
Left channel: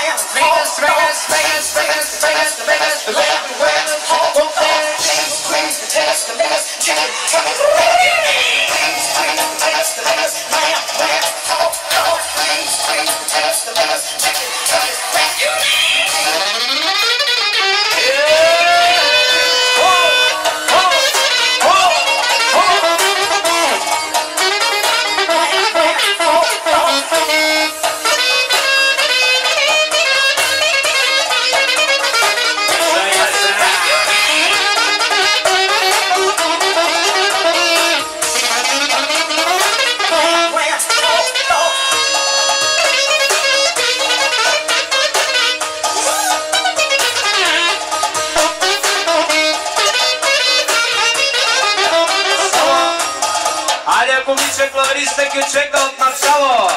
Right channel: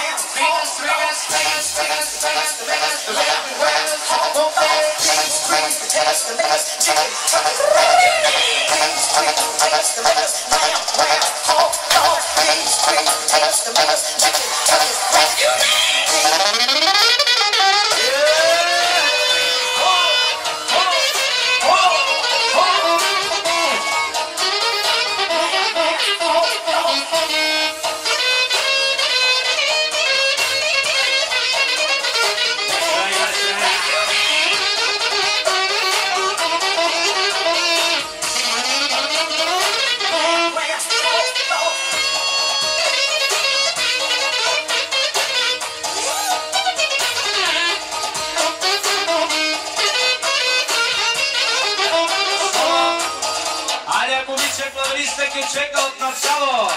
Клависта Кючека от начало.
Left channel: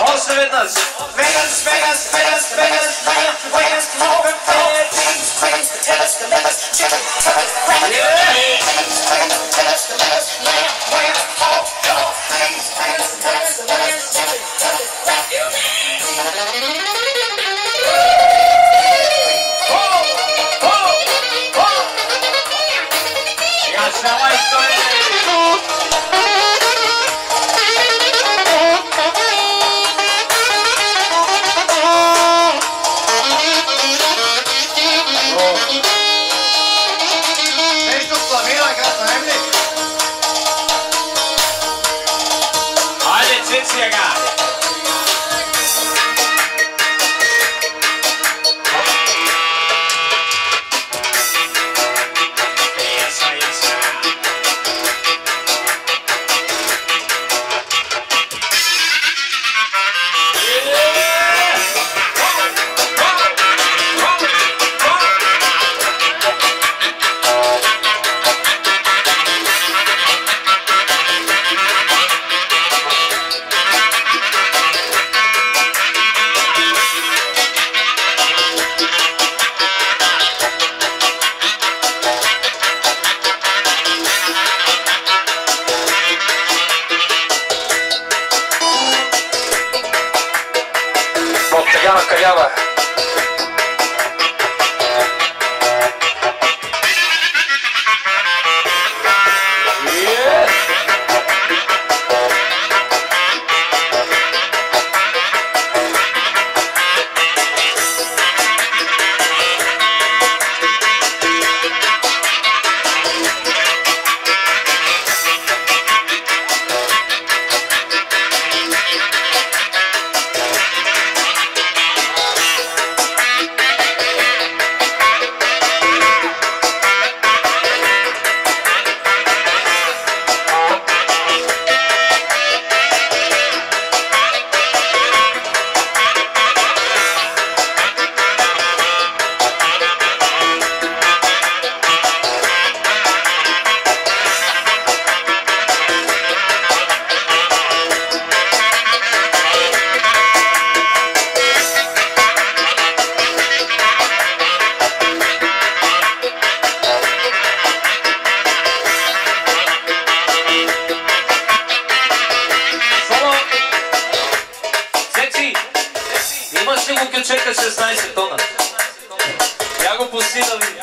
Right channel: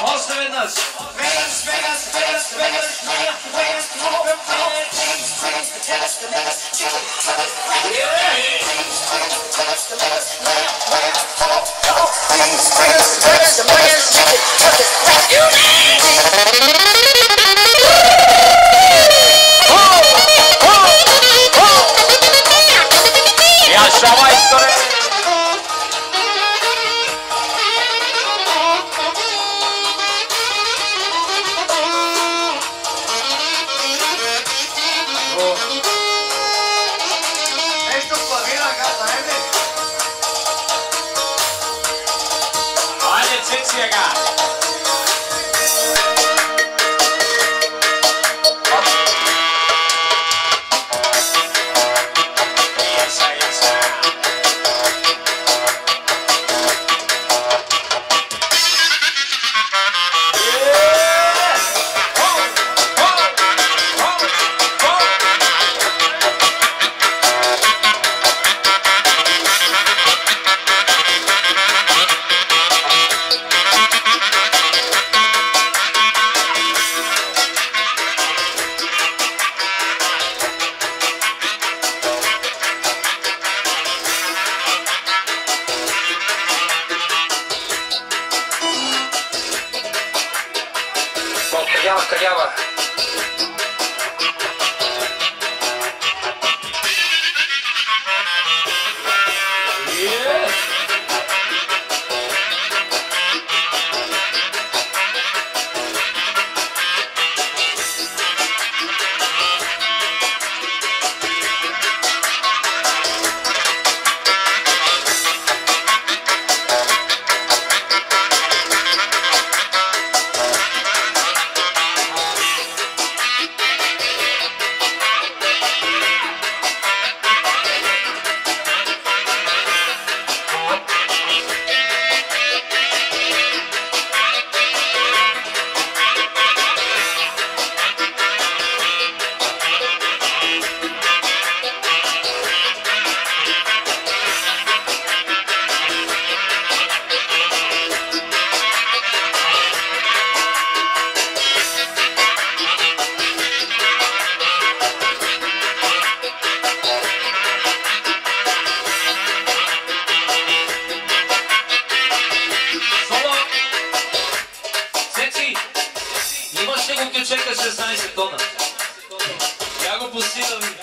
Още веднъж. Vegas, Vegas, Vegas, Vegas, Vegas, Vegas, over калява. Чека 16 тона. Я го пусти да ви.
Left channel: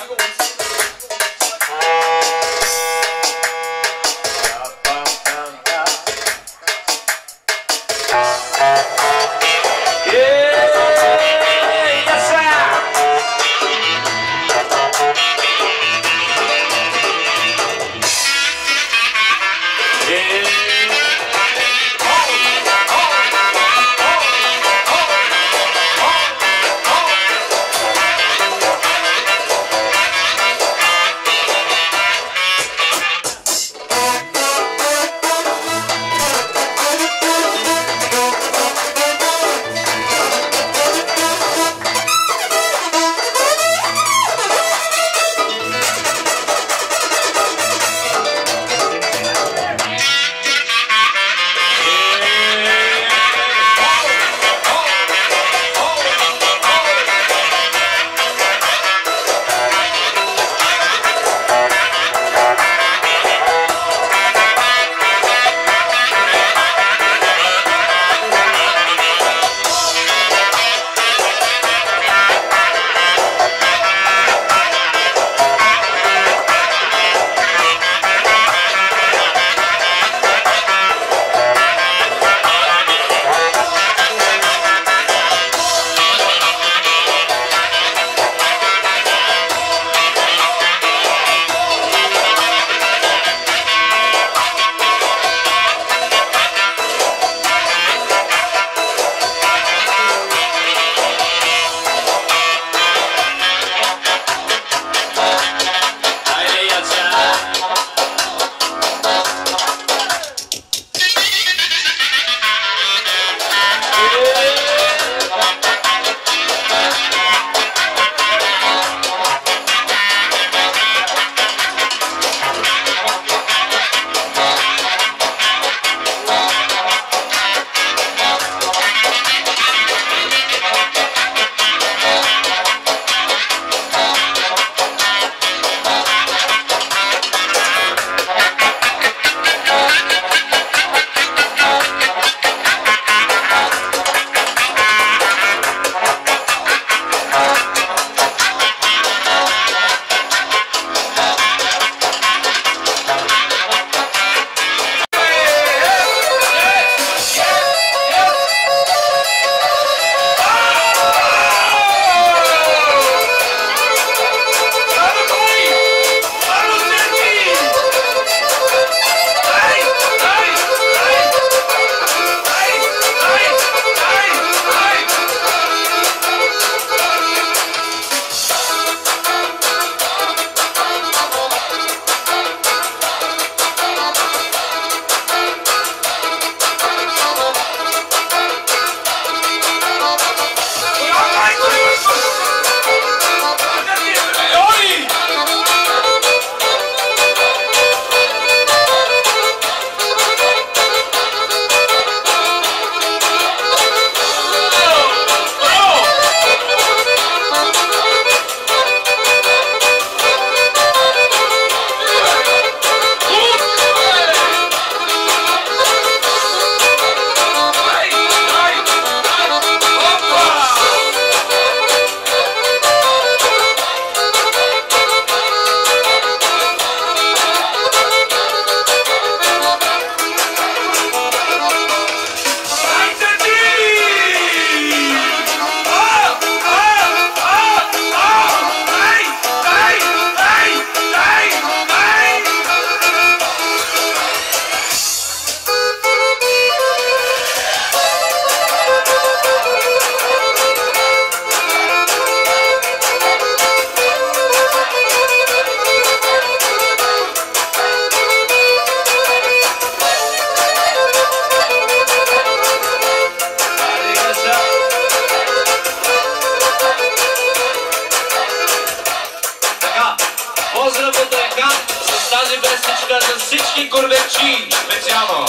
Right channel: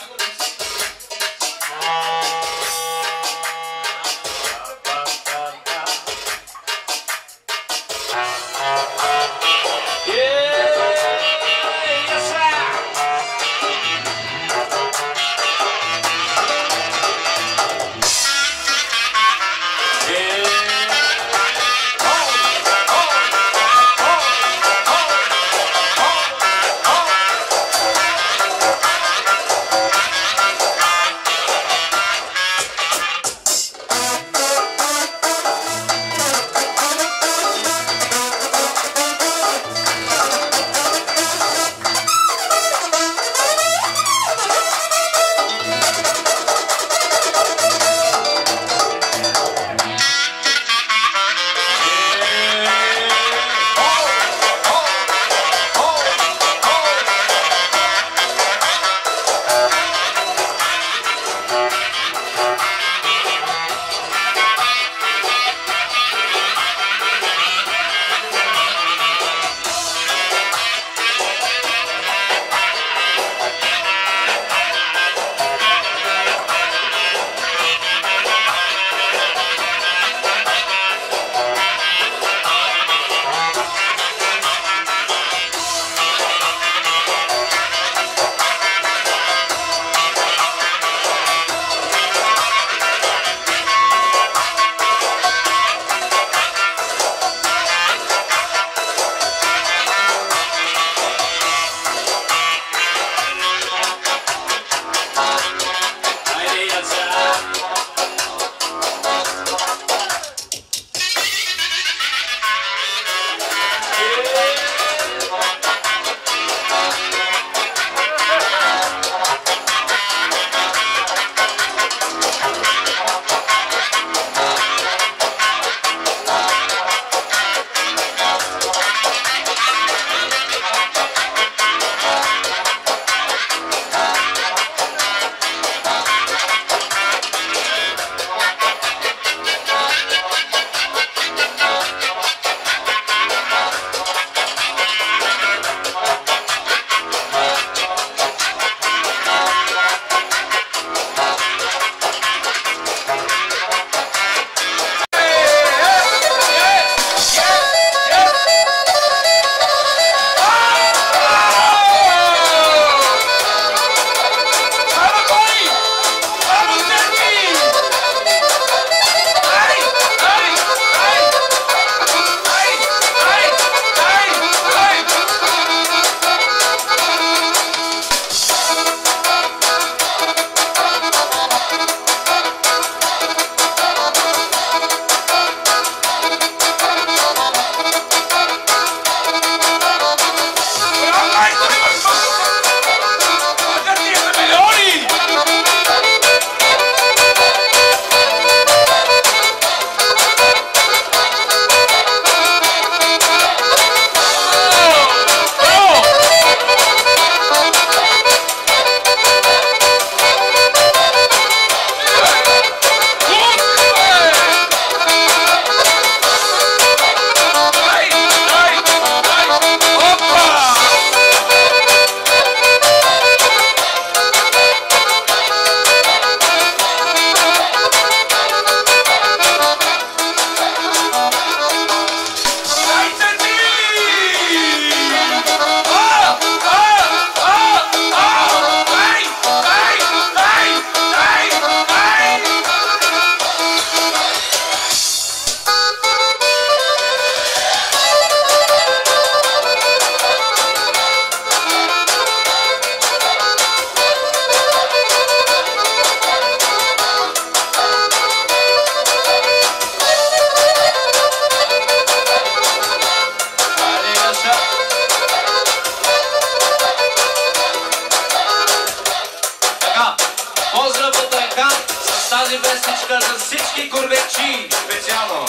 Поздрав от река с тази вестичка за всички гордечи, специално.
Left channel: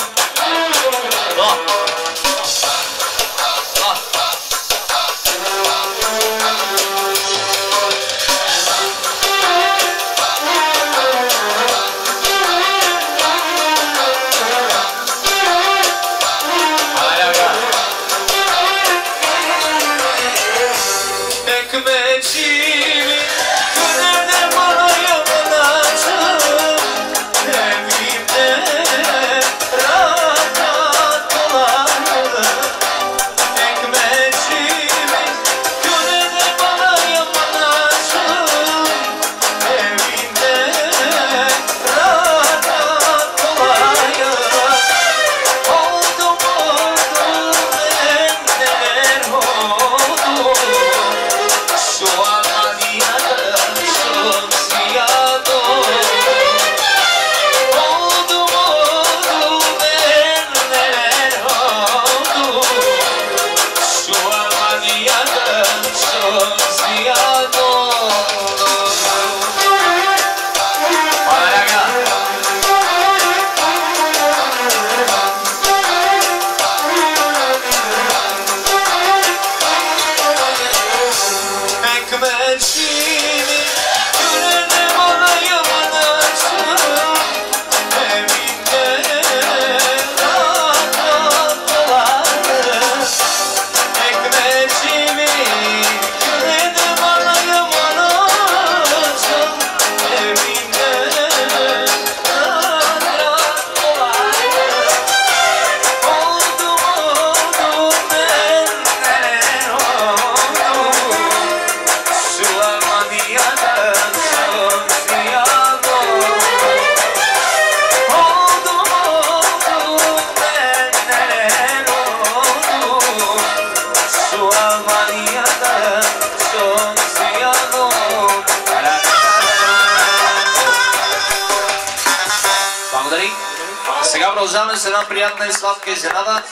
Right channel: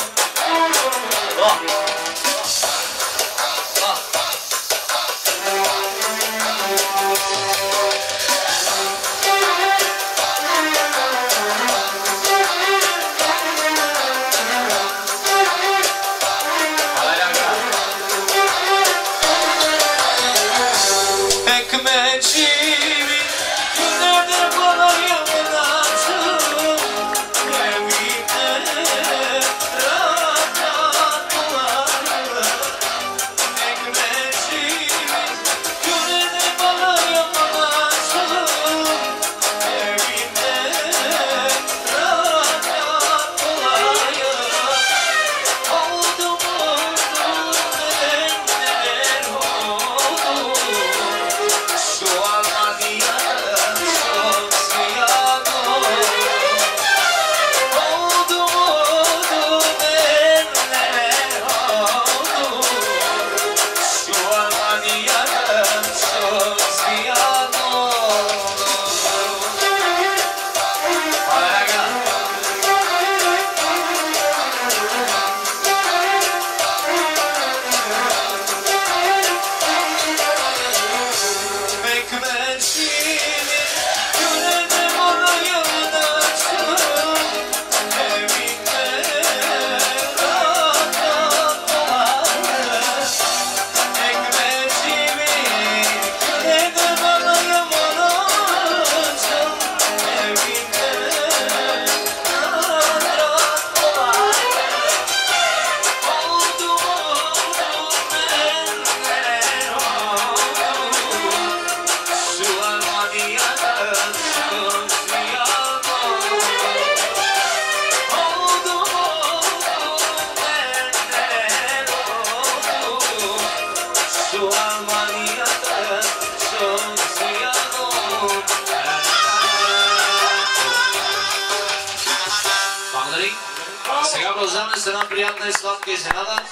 Сега продължаваме с една приятна и сладка изненада.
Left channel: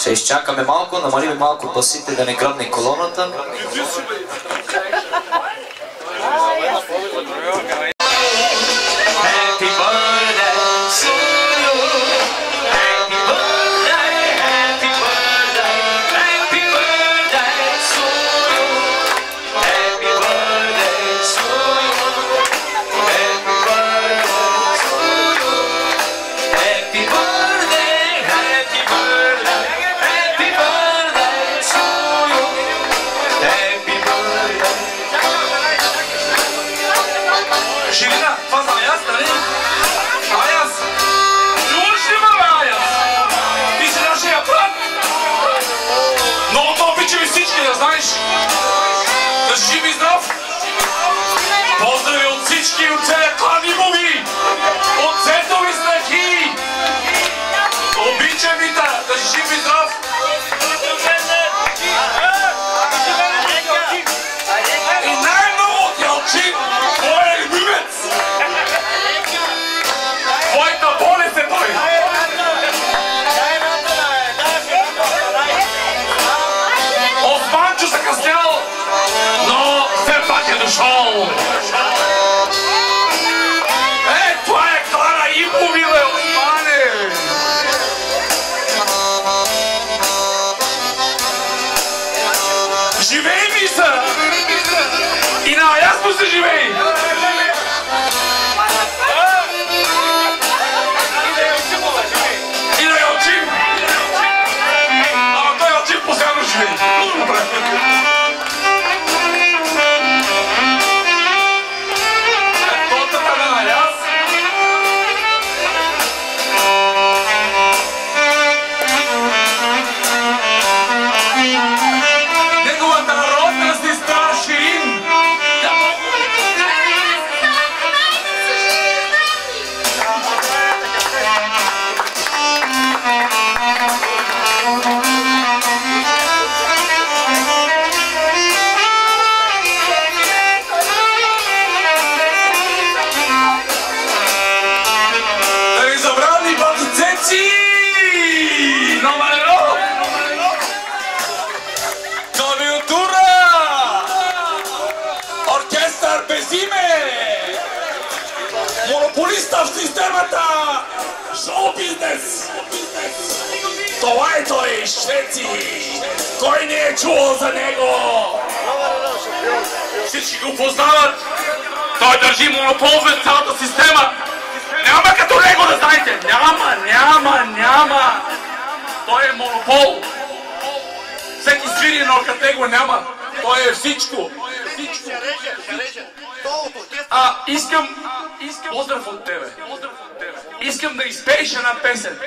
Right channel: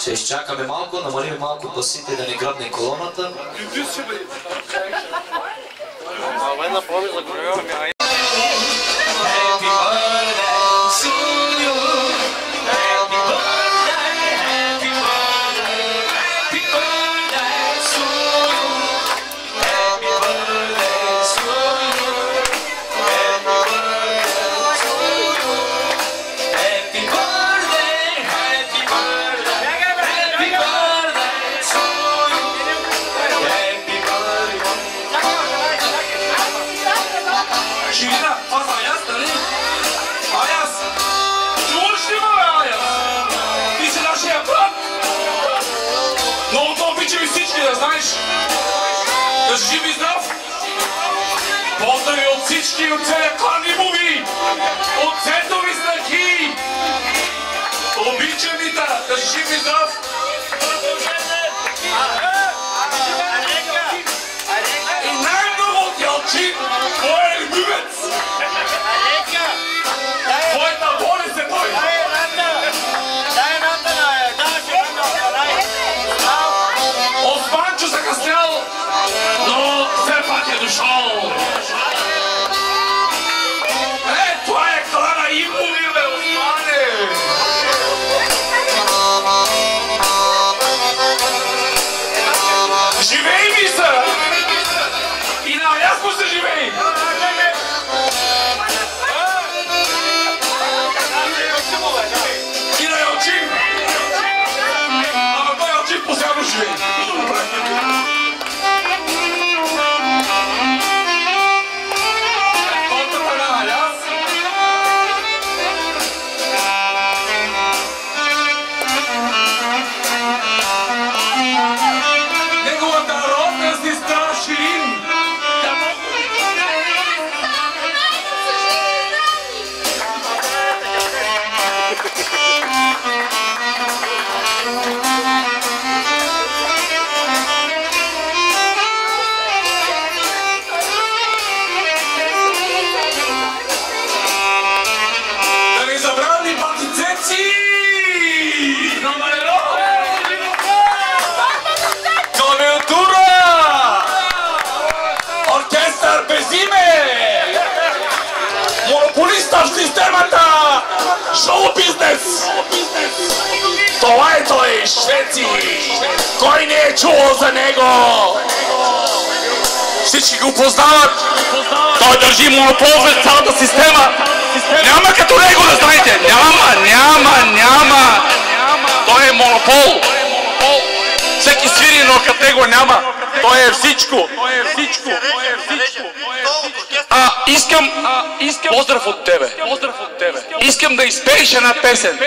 Ще изчакаме малко, намалим малко басите да не грабне колоната. Жив и здрав! Поздрави от всички и от целия клан Ивови! От Цветови снахи! Обичам ви да жив и здрав! И най-много от Ялчин, твоя любимец! Твоята болест е той! Османчо закъснял, но все пак е дошъл. Това е клана Ивови, бе, Османе! Живей ми са! И наясно се живей! И на Ялчин! Ама той Ялчин постоянно живей! Неговата родна сестра Ширин. Да ни забравни батицеци! Номер едно! Клавиатура! Оркестър без име! системата! Шоу-бизнес! Това е той, швеци! Кой не е чувал за него? Всички го познават! Той държи монопол за цялата система! Няма като него, да знаете! Няма! Той е монопол! Всеки свири, но като него няма! Той е всичко! Искам поздрав от тебе. Искам да изпееш една песен.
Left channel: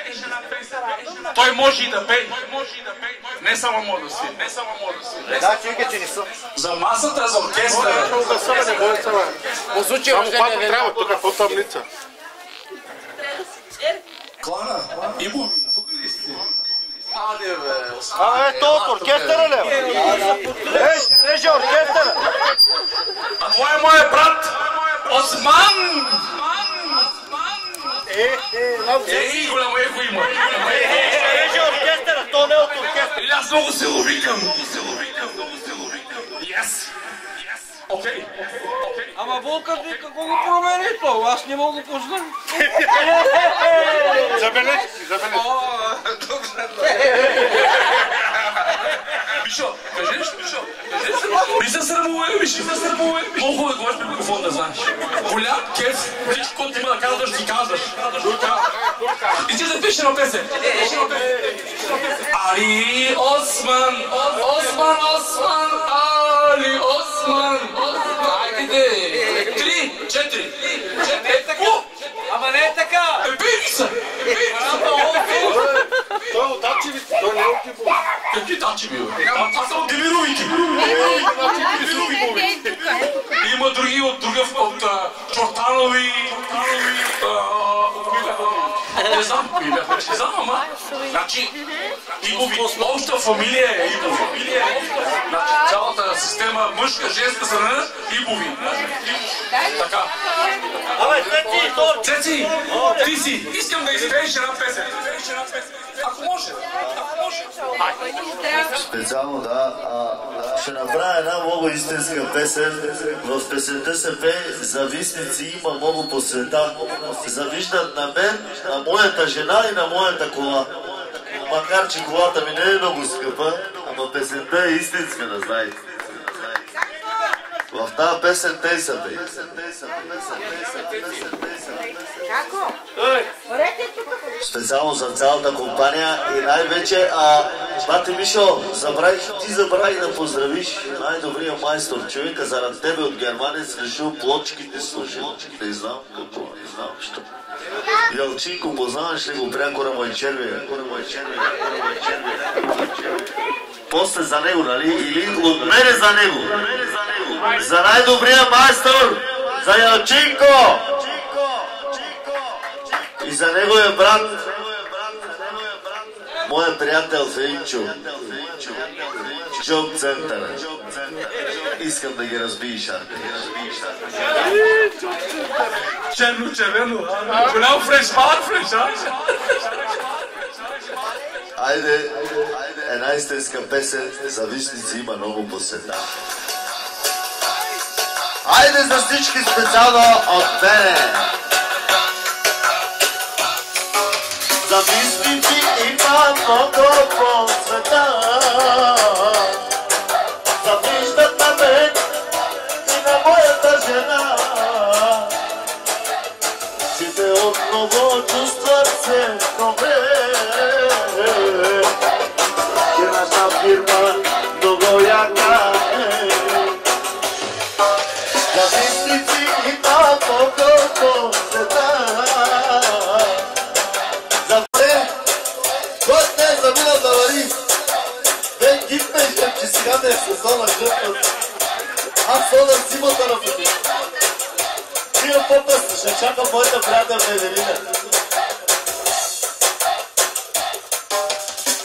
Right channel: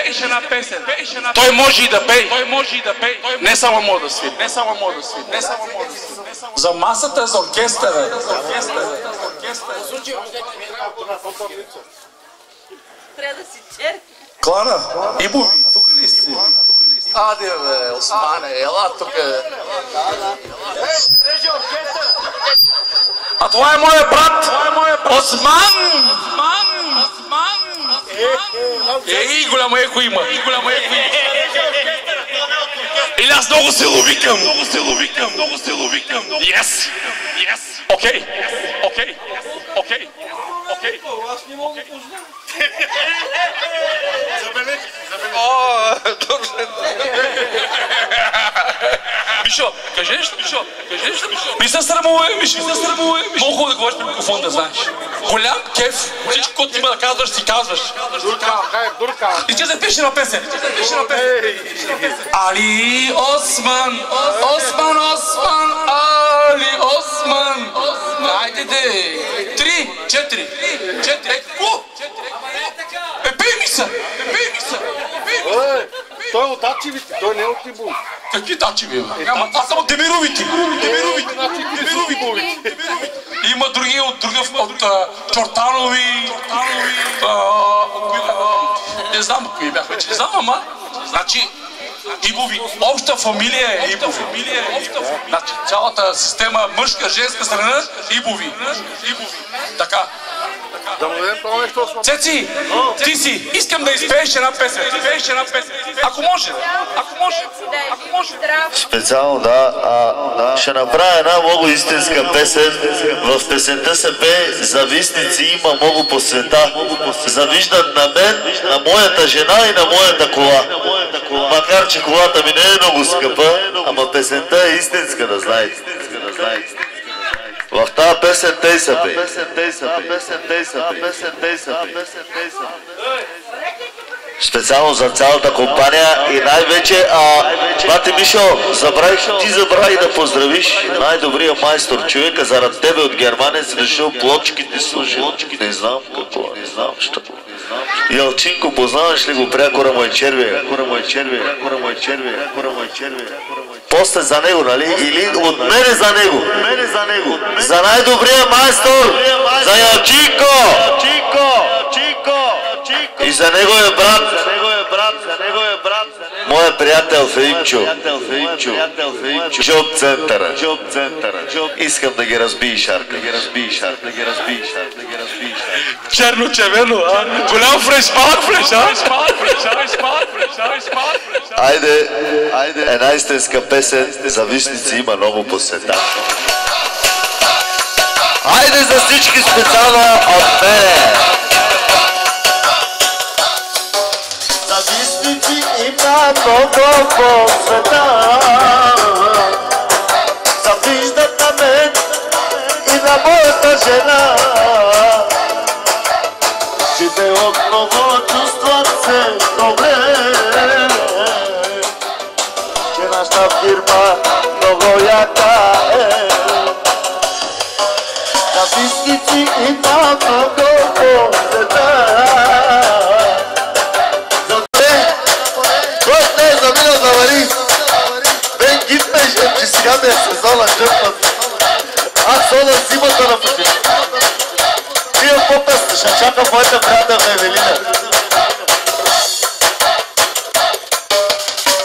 Той може и да пее. Не само може да свири. За масата, за оркестъра. Озвучи рождение трябва, тук по таблица. Трябва да си черпи. Клана, Ибови, тук ли сте? Аде бе, Османе, ела тук бе. Оркестъра ли? Реже оркестъра. А това е моят брат, Осман! Ей, голямо ехо има. Реже оркестъра, то не е от оркестъра. Или аз много се ловикам. Yes. Окей. Ама Вълка, ти какво го промени, Павло? Аз не мога да познам. Забележки. Мишо, кажи нещо. Ми се срамувай, Мишо. Много хубаво да говориш при микрофон, да знаеш. Голям кеф, всичко, което има да казваш, си казваш. Дурка. И ти запиши на песен. Али Осман, Али Осман. Хайде де. 3, 4. Ама не е така! Бейби са! Той е от Ачевите, той не е от Тибови. Какви тачеви, бе? Ама това са от Демировите. Ачевите са от Тибовите. Има други от Чортанови. Не знам кои бяха, не знам, ама. Значи, Ибови, обща фамилия е Ибови. Значи, цялата система, мъжка, женска страна, Ибови. Така. Цеци, ти си, искам да изпееш една песен. Ако може. Специално, да. Ще направя една много истинска песен. В песента се пее завистници има много по света. Завиждат на мен, на моята жена и на моята кола. Макар че колата ми не е много скъпа, ама песента е истинска, да знаете. В тази песен тъй са пей. Специално за цялата компания и най-вече, бате Мишо, ти забрави да поздравиш най-добрия майстор човека, заради тебе от Германия си решил плочките служи. Не знам какво, що. Ялчинко, познаваш ли го прякора му е червия? После за него, нали? Или от мене за него. За най-добрия майстор, за Ялчинко! И за неговия брат, моя приятел Феимчо, Джоб центъра. Искам да ги разбиеш, Шарка. Черно-червено, голям фреш, малък фреш, Айде, една истинска песен, завистници има много по света. Айде за всички специално от мене! Завистници има много по света. Завиждат на мен и на моята жена. Че те отново чувстват се добре. Че нашата фирма много яка е. Завистници има много по света. Сега ме е сезона жъпнат. Аз ходя зимата на пъти. Тия по-песни, ще чакам моята приятелка Евелина.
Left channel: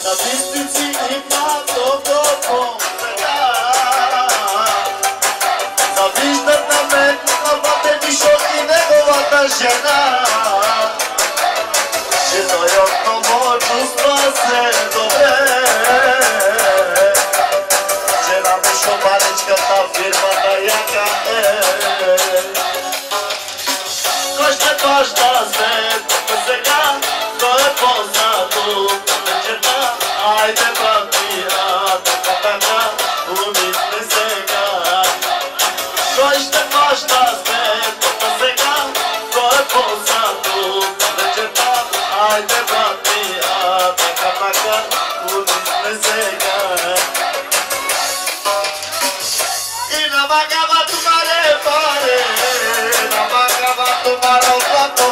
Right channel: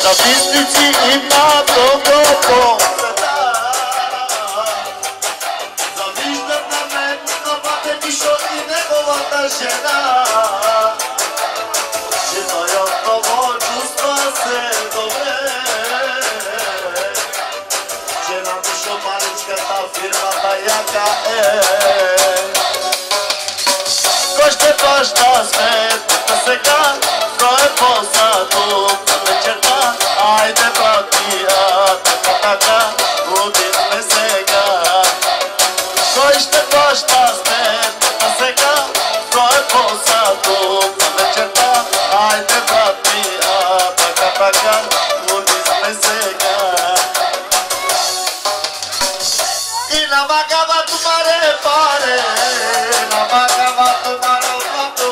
Завистници има много по света. Завиждат на мен, на бате Мишо и неговата жена. Че той отново чувства се добре. Фирмата яка е. Кой ще плаща seca, noi posatul, ne certa, haide batia, tata, umite seca. Noi te paștas pe tata seca, noi posatul, ne certa, haide batia, tata, umite seca. Y nada más acaba tu mare pare, nada más acaba tu mare pato,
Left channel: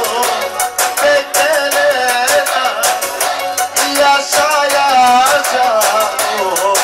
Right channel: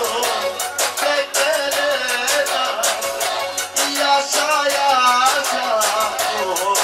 pequeña, y asha, oh,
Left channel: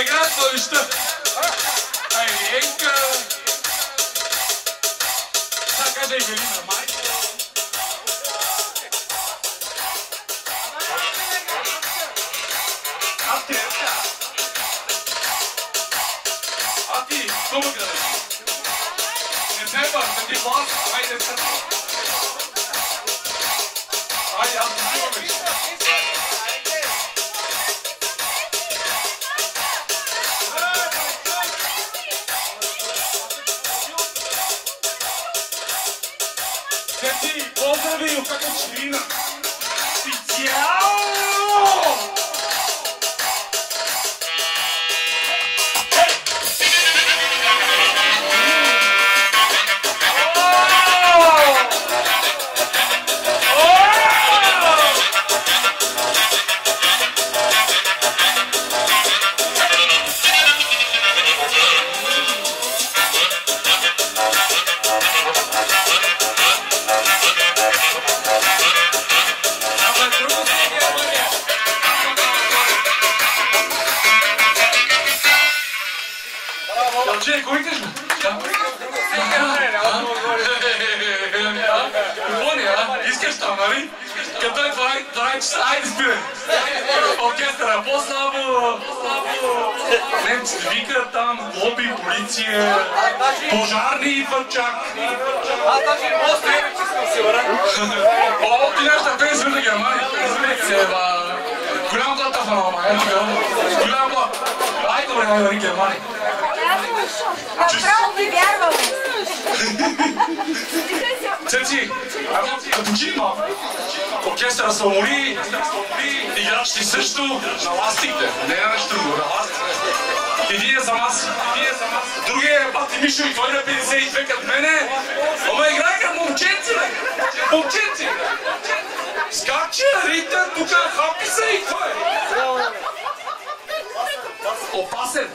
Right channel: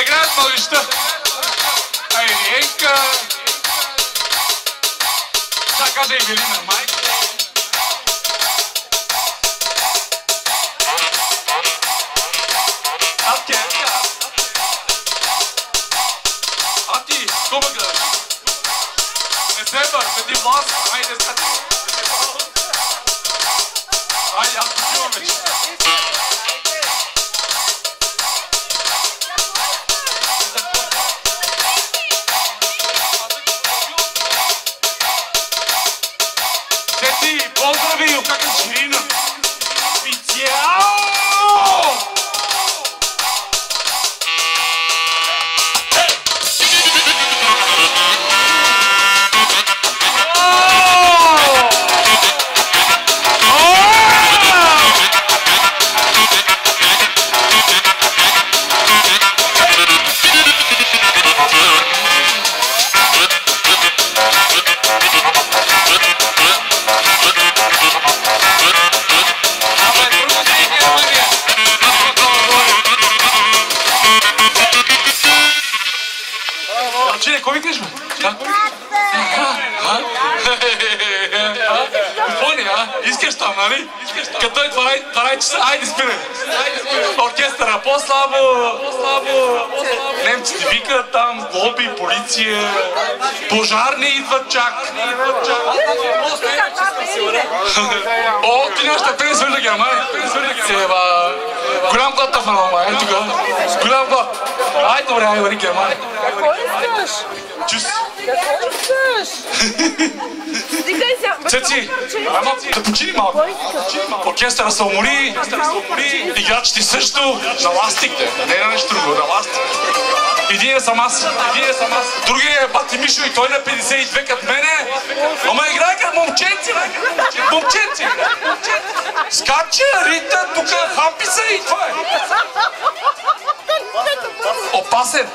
Да играят младежта. Ейка. Сега каже Евелина, майка. А ти, кумата. Не се бай, седи власт, хайде сега. Айде, аз не снимам вече. Цеци, поздрави, как е Ширина. Специално! Че, кой викаш, бе? Пони, искаш там, нали? Като е 12 часа, айде спирай. Оркестъра, по-слабо. Немците викат там, лоби, полиция, пожарни идват чак. Аз даже не мога да стоя, че искам си върна. О, ти нашата пенсия на Германия. Голям год в Рома, е тук. Голям год. Ай, добре, ай, вари Германия. Цеци, да почини малко. Оркестъра се умори, играчите също, на ластикте, не на нещо друго, на ластикте. Един е сам аз, другия е пати Мишо и той е 52 като мене. Ама играй като момченци, бе! Момченци! Скачи, рита, тук хапи се и това е! Опасен!